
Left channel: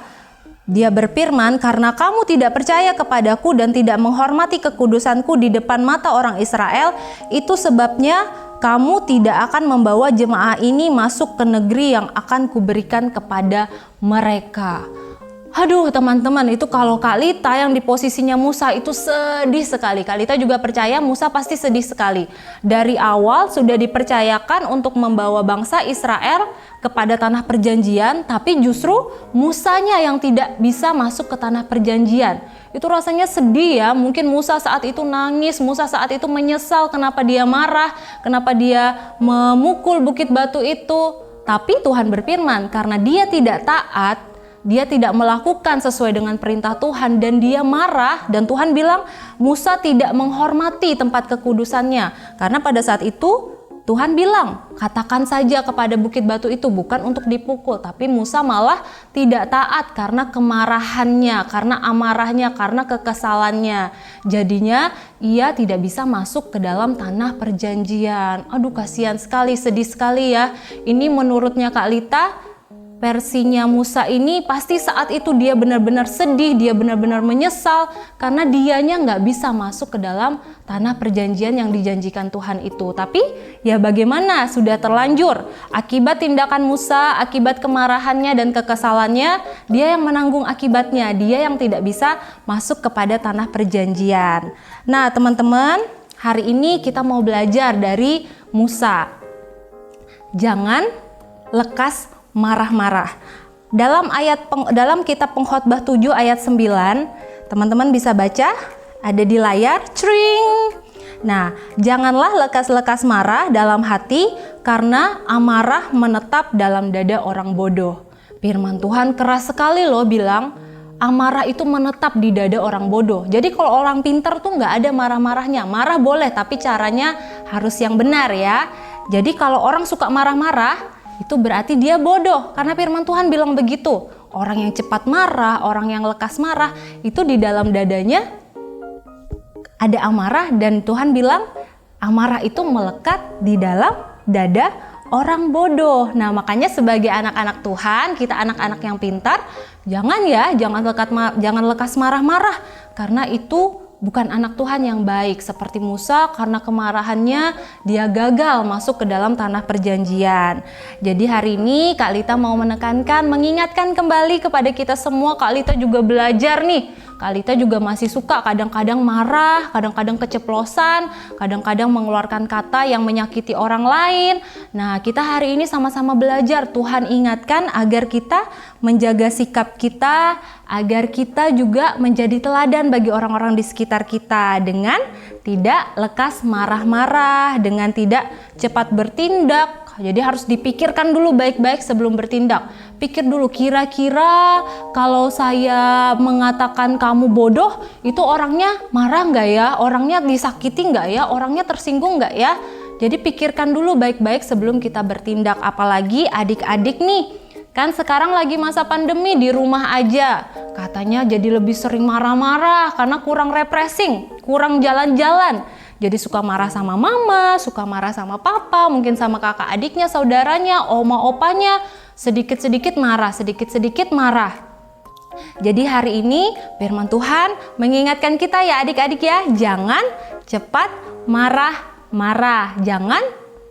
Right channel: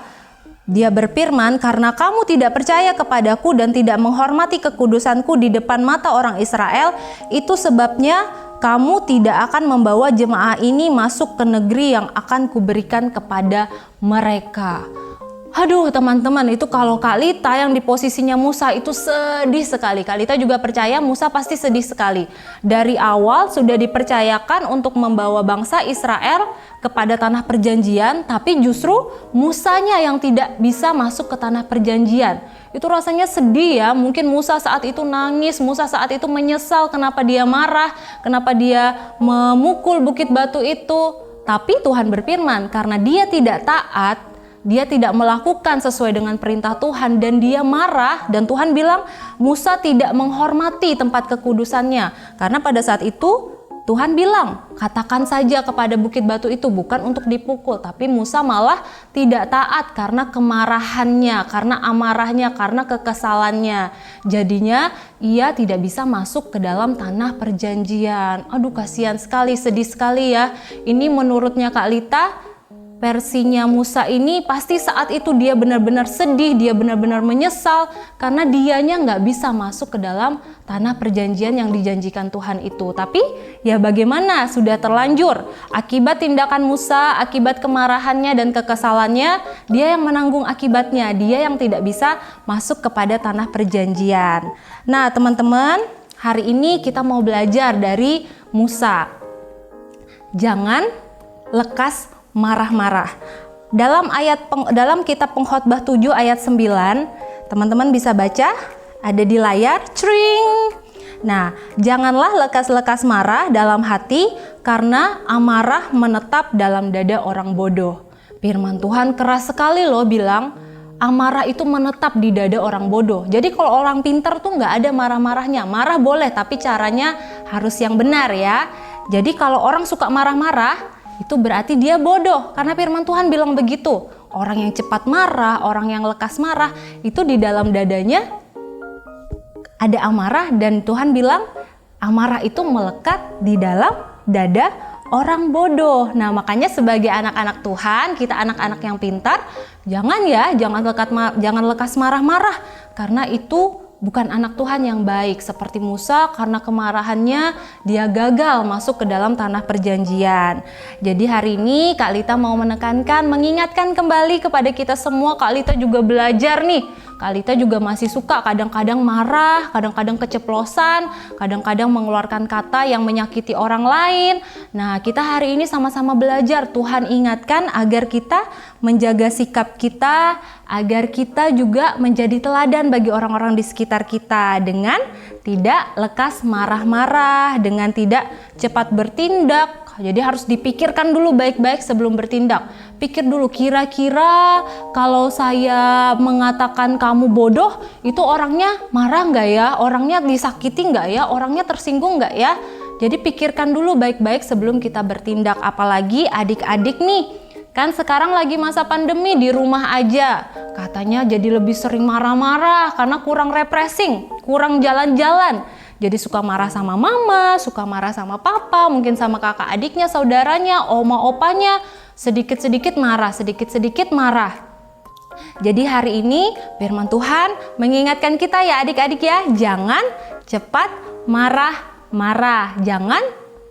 dia berfirman, karena kamu tidak percaya kepadaku dan tidak menghormati kekudusanku di depan mata orang Israel, itu sebabnya kamu tidak akan membawa jemaah ini masuk ke negeri yang akan kuberikan kepada mereka. Aduh teman-teman, itu kalau Kak Lita yang di posisinya Musa itu sedih sekali. Kak Lita juga percaya Musa pasti sedih sekali. Dari awal sudah dipercayakan untuk membawa bangsa Israel kepada tanah perjanjian, tapi justru Musanya yang tidak bisa masuk ke tanah perjanjian. Itu rasanya sedih ya. Mungkin Musa saat itu nangis, Musa saat itu menyesal kenapa dia marah, kenapa dia memukul bukit batu itu. Tapi Tuhan berfirman, karena dia tidak taat, dia tidak melakukan sesuai dengan perintah Tuhan dan dia marah, dan Tuhan bilang Musa tidak menghormati tempat kekudusannya. Karena pada saat itu Tuhan bilang, katakan saja kepada bukit batu itu, bukan untuk dipukul. Tapi Musa malah tidak taat karena kemarahannya, karena amarahnya, karena kekesalannya. Jadinya ia tidak bisa masuk ke dalam tanah perjanjian. Aduh kasihan sekali, sedih sekali ya. Ini menurutnya Kak Lita, versinya Musa ini pasti saat itu dia benar-benar sedih, dia benar-benar menyesal karena dianya nggak bisa masuk ke dalam tanah perjanjian yang dijanjikan Tuhan itu. Tapi ya bagaimana, sudah terlanjur. Akibat tindakan Musa, akibat kemarahannya dan kekesalannya, dia yang menanggung akibatnya, dia yang tidak bisa masuk kepada tanah perjanjian. Nah teman-teman, hari ini kita mau belajar dari Musa. Jangan lekas marah-marah. Dalam kitab Pengkhotbah 7 ayat 9, teman-teman bisa baca, ada di layar, cring. Nah, janganlah lekas-lekas marah dalam hati, karena amarah menetap dalam dada orang bodoh. Firman Tuhan keras sekali loh, bilang amarah itu menetap di dada orang bodoh. Jadi kalau orang pintar tuh nggak ada marah-marahnya. Marah boleh, tapi caranya harus yang benar ya. Jadi kalau orang suka marah-marah, itu berarti dia bodoh, karena firman Tuhan bilang begitu. Orang yang cepat marah, orang yang lekas marah, itu di dalam dadanya ada amarah, dan Tuhan bilang amarah itu melekat di dalam dada orang bodoh. Nah makanya sebagai anak-anak Tuhan, kita anak-anak yang pintar, jangan lekas marah-marah, karena itu bukan anak Tuhan yang baik. Seperti Musa, karena kemarahannya dia gagal masuk ke dalam tanah perjanjian. Jadi hari ini Kak Lita mau menekankan, mengingatkan kembali kepada kita semua. Kak Lita juga belajar nih. Kak Lita juga masih suka kadang-kadang marah, kadang-kadang keceplosan, kadang-kadang mengeluarkan kata yang menyakiti orang lain. Nah kita hari ini sama-sama belajar. Tuhan ingatkan agar kita menjaga sikap kita, agar kita juga menjadi teladan bagi orang-orang di sekitar kita dengan tidak lekas marah-marah, dengan tidak cepat bertindak. Jadi harus dipikirkan dulu baik-baik sebelum bertindak. Pikir dulu, kira-kira kalau saya mengatakan kamu bodoh, itu orangnya marah nggak ya? Orangnya disakiti nggak ya? Orangnya tersinggung nggak ya? Jadi pikirkan dulu baik-baik sebelum kita bertindak. Apalagi adik-adik nih, kan sekarang lagi masa pandemi, di rumah aja. Katanya jadi lebih sering marah-marah karena kurang refreshing, kurang jalan-jalan. Jadi suka marah sama mama, suka marah sama papa, mungkin sama kakak adiknya, saudaranya, oma opanya. Sedikit-sedikit marah, sedikit-sedikit marah. Jadi hari ini firman Tuhan mengingatkan kita ya adik-adik ya, jangan cepat marah-marah, jangan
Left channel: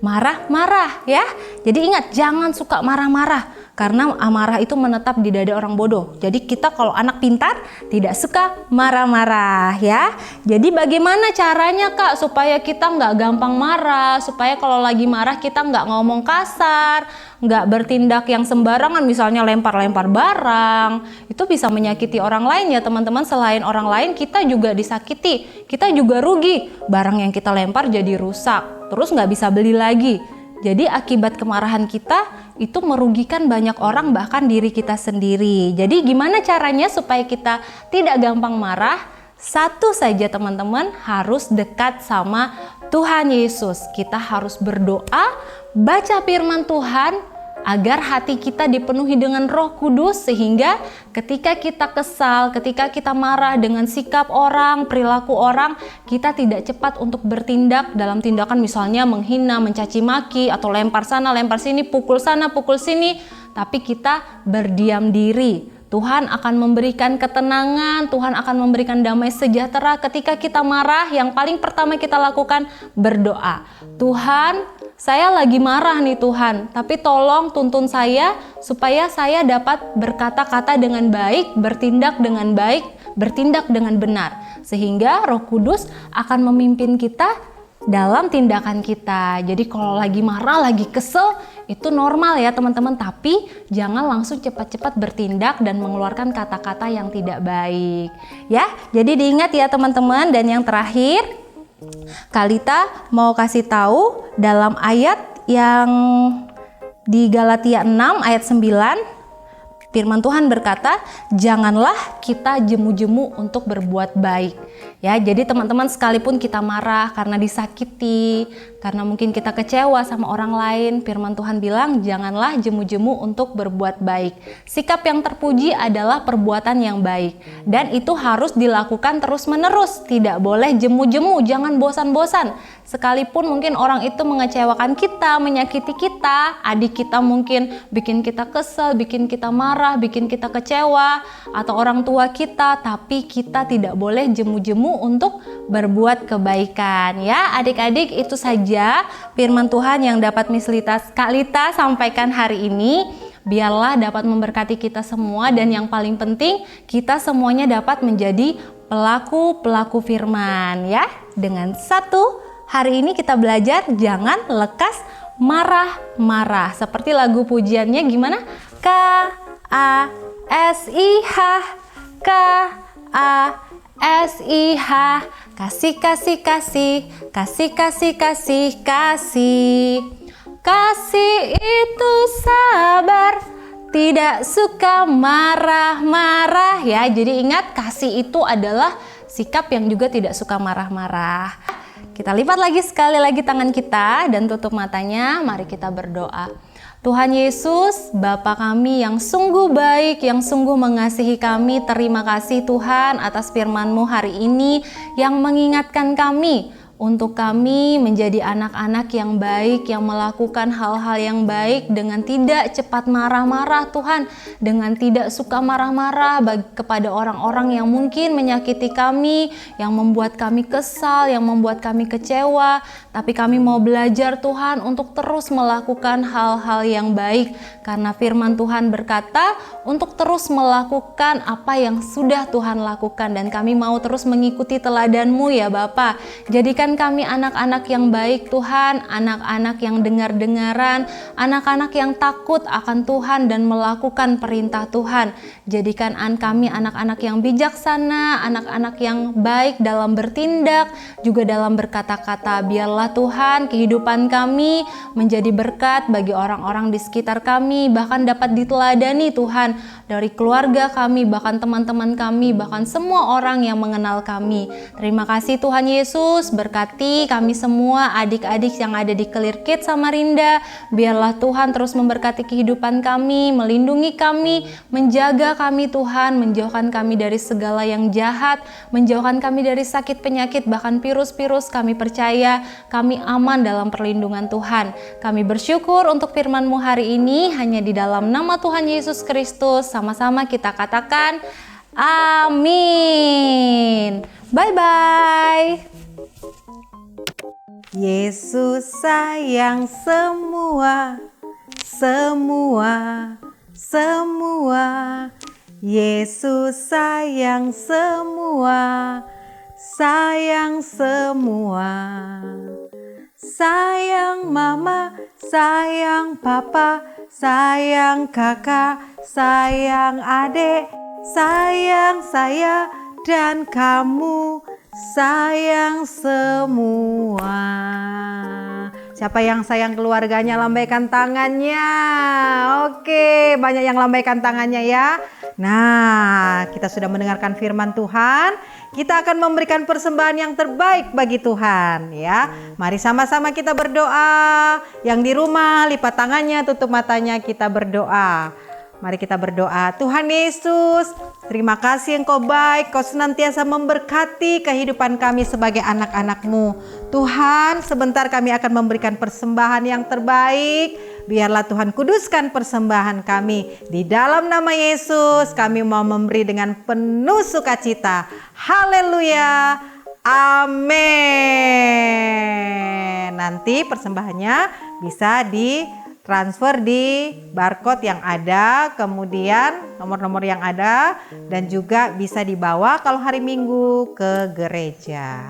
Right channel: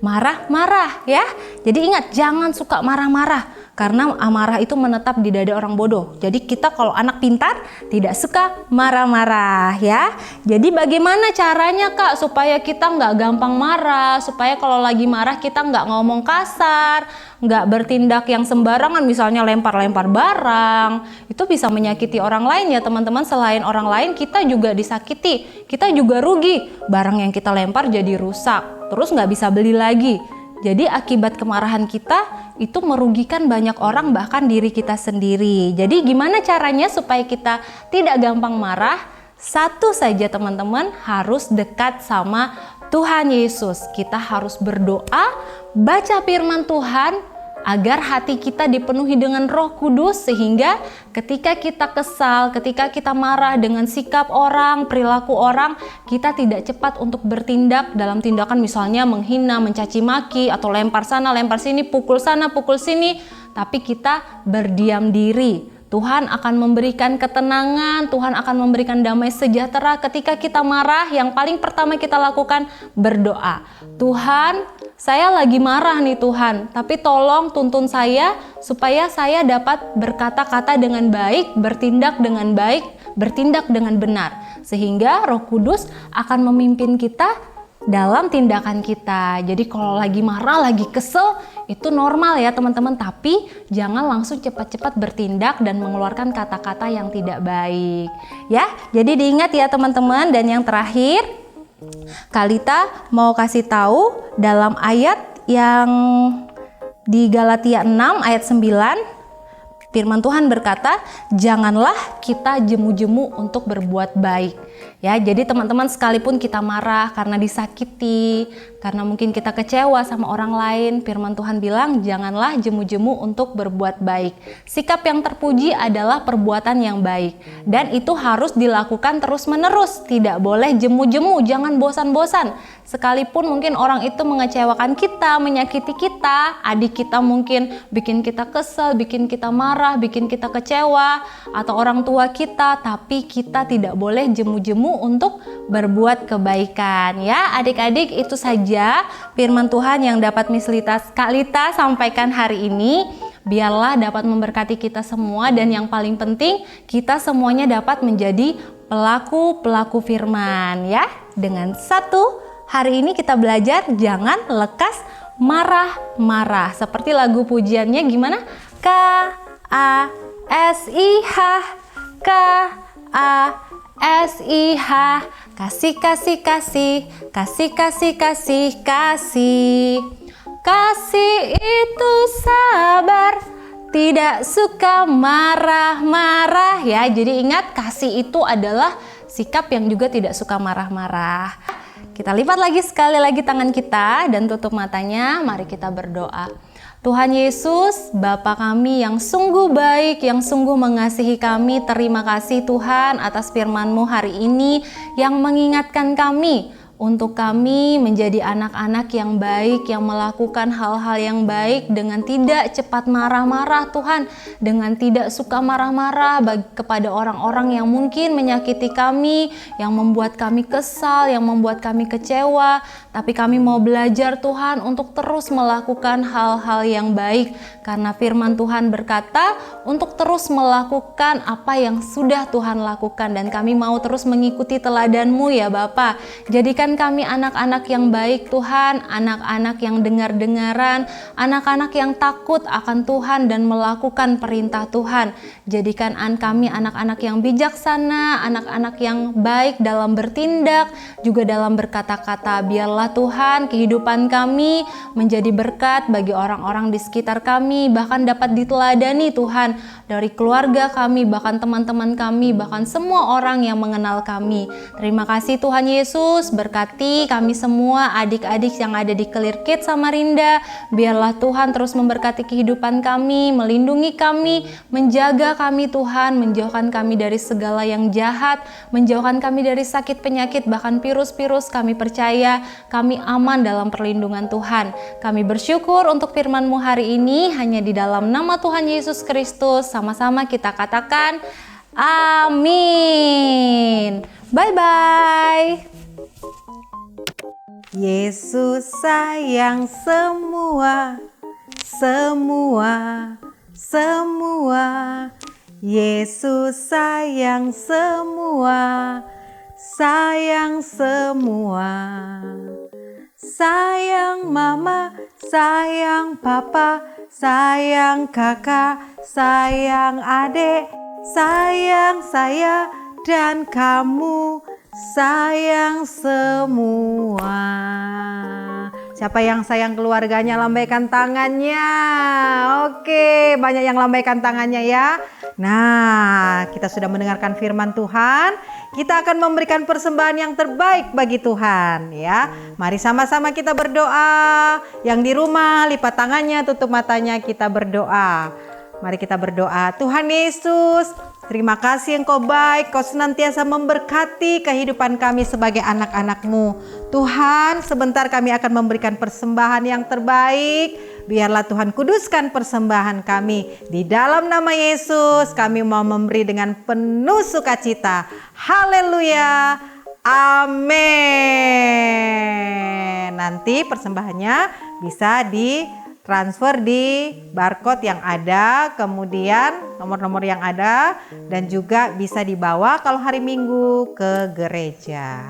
marah-marah ya. Jadi ingat, jangan suka marah-marah, karena amarah itu menetap di dada orang bodoh. Jadi kita kalau anak pintar tidak suka marah-marah ya. Jadi bagaimana caranya Kak supaya kita nggak gampang marah, supaya kalau lagi marah kita nggak ngomong kasar, nggak bertindak yang sembarangan, misalnya lempar-lempar barang. Itu bisa menyakiti orang lain ya teman-teman. Selain orang lain, kita juga disakiti, kita juga rugi. Barang yang kita lempar jadi rusak. terus nggak bisa beli lagi. Jadi akibat kemarahan kita itu merugikan banyak orang, bahkan diri kita sendiri. Jadi gimana caranya supaya kita tidak gampang marah? Satu saja teman-teman, harus dekat sama Tuhan Yesus. Kita harus berdoa, baca firman Tuhan, agar hati kita dipenuhi dengan Roh Kudus, sehingga ketika kita kesal, ketika kita marah dengan sikap orang, perilaku orang, kita tidak cepat untuk bertindak dalam tindakan misalnya menghina, mencaci maki, atau lempar sana, lempar sini, pukul sana, pukul sini, tapi kita berdiam diri. Tuhan akan memberikan ketenangan, Tuhan akan memberikan damai sejahtera. Ketika kita marah, yang paling pertama kita lakukan berdoa. Tuhan, saya lagi marah nih Tuhan, tapi tolong tuntun saya supaya saya dapat berkata-kata dengan baik, bertindak dengan baik, bertindak dengan benar. Sehingga Roh Kudus akan memimpin kita dalam tindakan kita. Jadi kalau lagi marah, lagi kesel, itu normal ya teman-teman, tapi jangan langsung cepat-cepat bertindak dan mengeluarkan kata-kata yang tidak baik. Ya, jadi diingat ya teman-teman. Dan yang terakhir, Kalita mau kasih tahu dalam ayat yang di Galatia 6 ayat 9, firman Tuhan berkata, janganlah kita jemu-jemu untuk berbuat baik. Ya, jadi teman-teman, sekalipun kita marah karena disakiti, karena mungkin kita kecewa sama orang lain, firman Tuhan bilang janganlah jemu-jemu untuk berbuat baik. Sikap yang terpuji adalah perbuatan yang baik, dan itu harus dilakukan terus-menerus. Tidak boleh jemu-jemu, jangan bosan-bosan. Sekalipun mungkin orang itu mengecewakan kita, menyakiti kita, adik kita mungkin bikin kita kesel, bikin kita marah, bikin kita kecewa, atau orang tua kita, tapi kita tidak boleh jemu-jemu untuk berbuat kebaikan. Ya, adik-adik, itu saja firman Tuhan yang dapat Miss Kalita sampaikan hari ini. Biarlah dapat memberkati kita semua, dan yang paling penting kita semuanya dapat menjadi pelaku-pelaku firman ya. Dengan satu, hari ini kita belajar jangan lekas marah-marah. Seperti lagu pujiannya gimana? K-A-S-I-H, K-A-S-I-H, kasih, kasih, kasih, kasih, kasih, kasih, kasih. Kasih itu sabar, tidak suka marah-marah ya. Jadi ingat, kasih itu adalah sikap yang juga tidak suka marah-marah. Kita lipat lagi sekali lagi tangan kita dan tutup matanya. Mari kita berdoa. Tuhan Yesus, Bapa kami yang sungguh baik, yang sungguh mengasihi kami, terima kasih Tuhan atas firman-Mu hari ini yang mengingatkan kami untuk kami menjadi anak-anak yang baik, yang melakukan hal-hal yang baik dengan tidak cepat marah-marah Tuhan, dengan tidak suka marah-marah kepada orang-orang yang mungkin menyakiti kami, yang membuat kami kesal, yang membuat kami kecewa. Tapi kami mau belajar Tuhan untuk terus melakukan hal-hal yang baik, karena firman Tuhan berkata untuk terus melakukan apa yang sudah Tuhan lakukan, dan kami mau terus mengikuti teladan-Mu ya Bapa. Jadikan kami anak-anak yang baik Tuhan, anak-anak yang dengar-dengaran, anak-anak yang takut akan Tuhan dan melakukan perintah Tuhan. Jadikan kami anak-anak yang bijaksana, anak-anak yang baik dalam bertindak, juga dalam berkata-kata. Biarlah Tuhan kehidupan kami menjadi berkat bagi orang-orang di sekitar kami, bahkan dapat diteladani Tuhan dari keluarga kami, bahkan teman-teman kami, bahkan semua orang yang mengenal kami. Terima kasih Tuhan Yesus, berkati kami semua adik-adik yang ada di Clear Kids Samarinda. Biarlah Tuhan terus memberkati kehidupan kami, melindungi kami, menjaga kami Tuhan, menjauhkan kami dari segala yang jahat, menjauhkan kami dari sakit penyakit, bahkan virus-virus. Kami percaya kami aman dalam perlindungan Tuhan. Kami bersyukur untuk firman-Mu hari ini, hanya di dalam nama Tuhan Yesus Kristus. Sama-sama kita katakan amin. Bye-bye. Yesus sayang semua, semua, semua. Yesus sayang semua, sayang semua. Sayang mama, sayang papa, sayang kakak, sayang adik, sayang saya dan kamu, sayang semua. Siapa yang sayang keluarganya lambaikan tangannya. Oke, banyak yang lambaikan tangannya ya. Nah, kita sudah mendengarkan firman Tuhan. Kita akan memberikan persembahan yang terbaik bagi Tuhan ya. Mari sama-sama kita berdoa. Yang di rumah lipat tangannya, tutup matanya, kita berdoa. Mari kita berdoa. Tuhan Yesus, terima kasih Engkau baik, Kau senantiasa memberkati kehidupan kami sebagai anak-anak-Mu. Tuhan, sebentar kami akan memberikan persembahan yang terbaik. Biarlah Tuhan kuduskan persembahan kami. Di dalam nama Yesus kami mau memberi dengan penuh sukacita. Haleluya. Amin. Nanti persembahannya bisa transfer di barcode yang ada, kemudian nomor-nomor yang ada, dan juga bisa dibawa kalau hari Minggu ke gereja.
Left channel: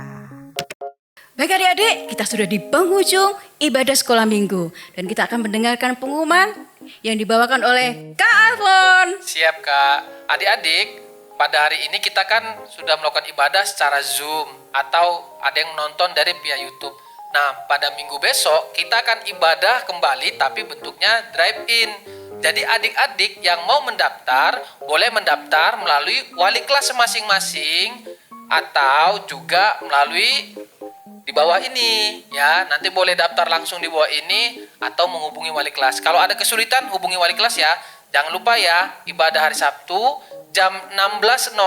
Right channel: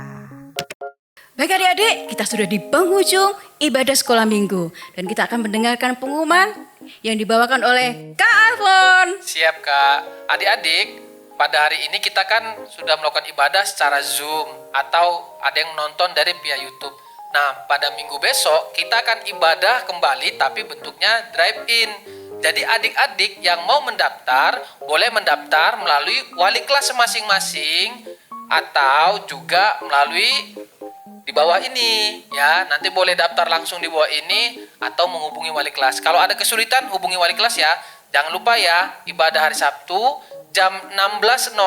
Baik adik-adik, kita sudah di penghujung ibadah sekolah minggu. Dan kita akan mendengarkan pengumuman yang dibawakan oleh Kak Alfon. Siap Kak. Adik-adik, pada hari ini kita kan sudah melakukan ibadah secara Zoom atau ada yang menonton dari via YouTube. Nah, pada minggu besok kita akan ibadah kembali tapi bentuknya drive-in. Jadi adik-adik yang mau mendaftar, boleh mendaftar melalui wali kelas masing-masing atau juga melalui di bawah ini ya. Nanti boleh daftar langsung di bawah ini atau menghubungi wali kelas. Kalau ada kesulitan hubungi wali kelas ya. Jangan lupa ya, ibadah hari Sabtu jam 16.00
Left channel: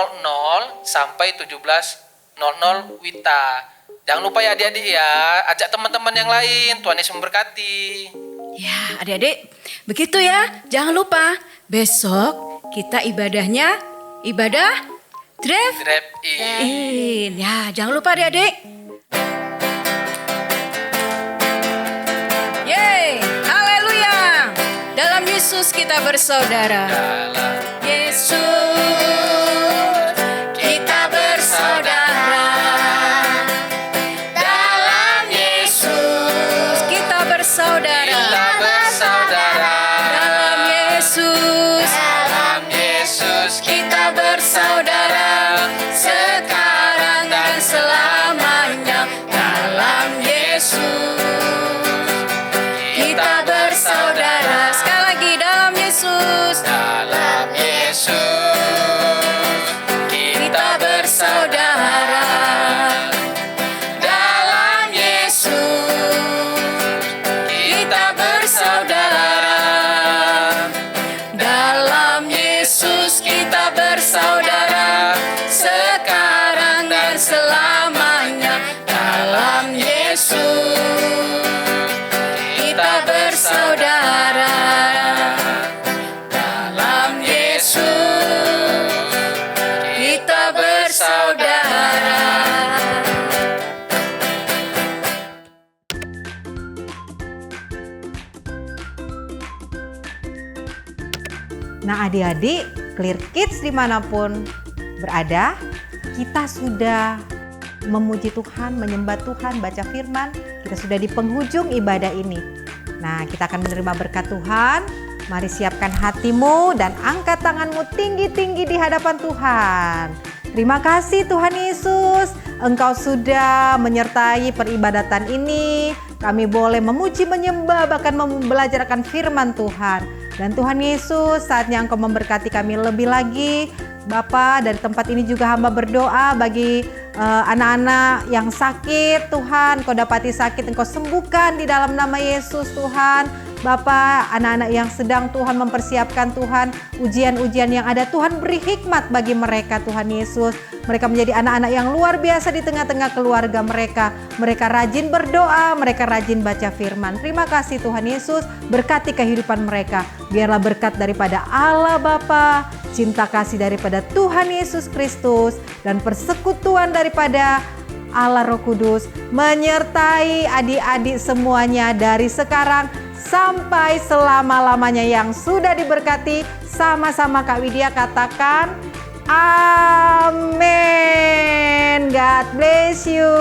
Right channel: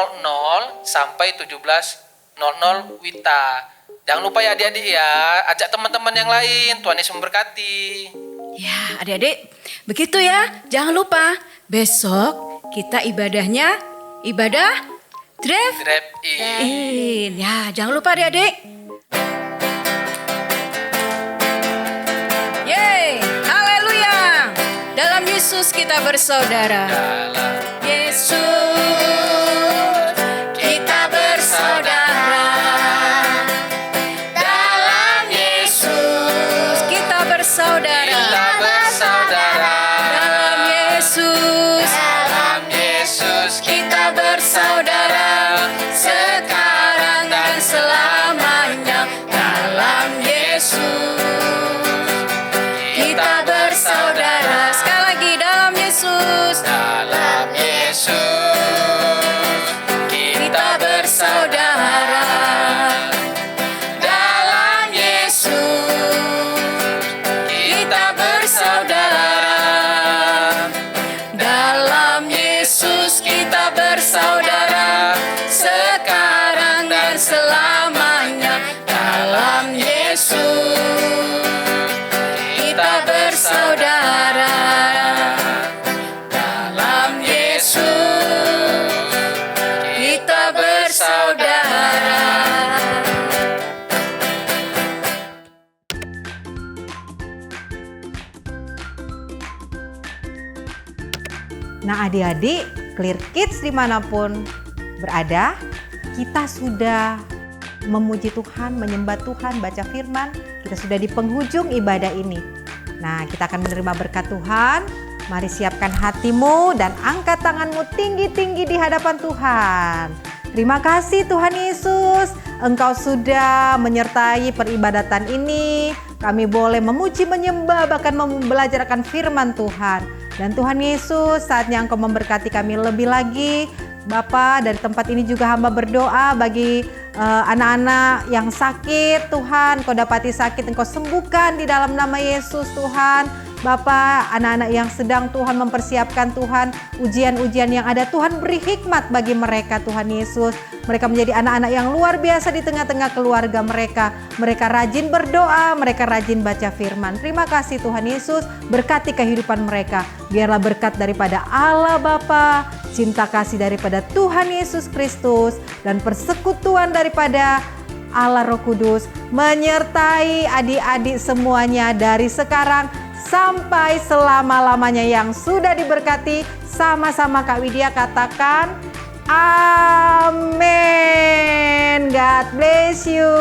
sampai 17.00 WITA. Jangan lupa ya adik-adik ya, ajak teman-teman yang lain. Tuhan Yesus memberkati. Ya adik-adik, begitu ya. Jangan lupa, besok kita ibadahnya ibadah drive-in. Ya, jangan lupa adik-adik. Yeay, haleluya. Dalam Yesus kita bersaudara. Yesus kita bersaudara. Dalam Yesus kita bersaudara. Dalam Yesus kita bersaudara. Sekarang dan selamanya. Dalam Yesus kita bersaudara. Sekali lagi, dalam Yesus. Dalam Yesus Kita bersaudara. Dalam Yesus kita bersaudara. Dalam Yesus kita bersaudara. Sekarang dan selamanya. Dalam Yesus kita bersaudara. Dalam Yesus kita bersaudara. Nah adik-adik, Clear Kids dimanapun berada, kita sudah memuji Tuhan, menyembah Tuhan, baca firman. Kita sudah di penghujung ibadah ini. Nah, kita akan menerima berkat Tuhan. Mari siapkan hatimu dan angkat tanganmu tinggi-tinggi di hadapan Tuhan. Terima kasih Tuhan Yesus, Engkau sudah menyertai peribadatan ini. Kami boleh memuji, menyembah, bahkan belajarkan firman Tuhan. Dan Tuhan Yesus, saatnya Engkau memberkati kami lebih lagi. Bapa, dari tempat ini juga hamba berdoa bagi anak-anak yang sakit. Tuhan, Engkau dapati sakit, Engkau sembuhkan di dalam nama Yesus Tuhan. Bapa, anak-anak yang sedang Tuhan mempersiapkan Tuhan ujian-ujian yang ada, Tuhan beri hikmat bagi mereka Tuhan Yesus. Mereka menjadi anak-anak yang luar biasa di tengah-tengah keluarga mereka. Mereka rajin berdoa, mereka rajin baca firman. Terima kasih Tuhan Yesus, berkati kehidupan mereka. Biarlah berkat daripada Allah Bapa, cinta kasih daripada Tuhan Yesus Kristus, dan persekutuan daripada Allah Roh Kudus menyertai adik-adik semuanya dari sekarang sampai selama-lamanya yang sudah diberkati. Sama-sama Kak Widya katakan amin. God bless you.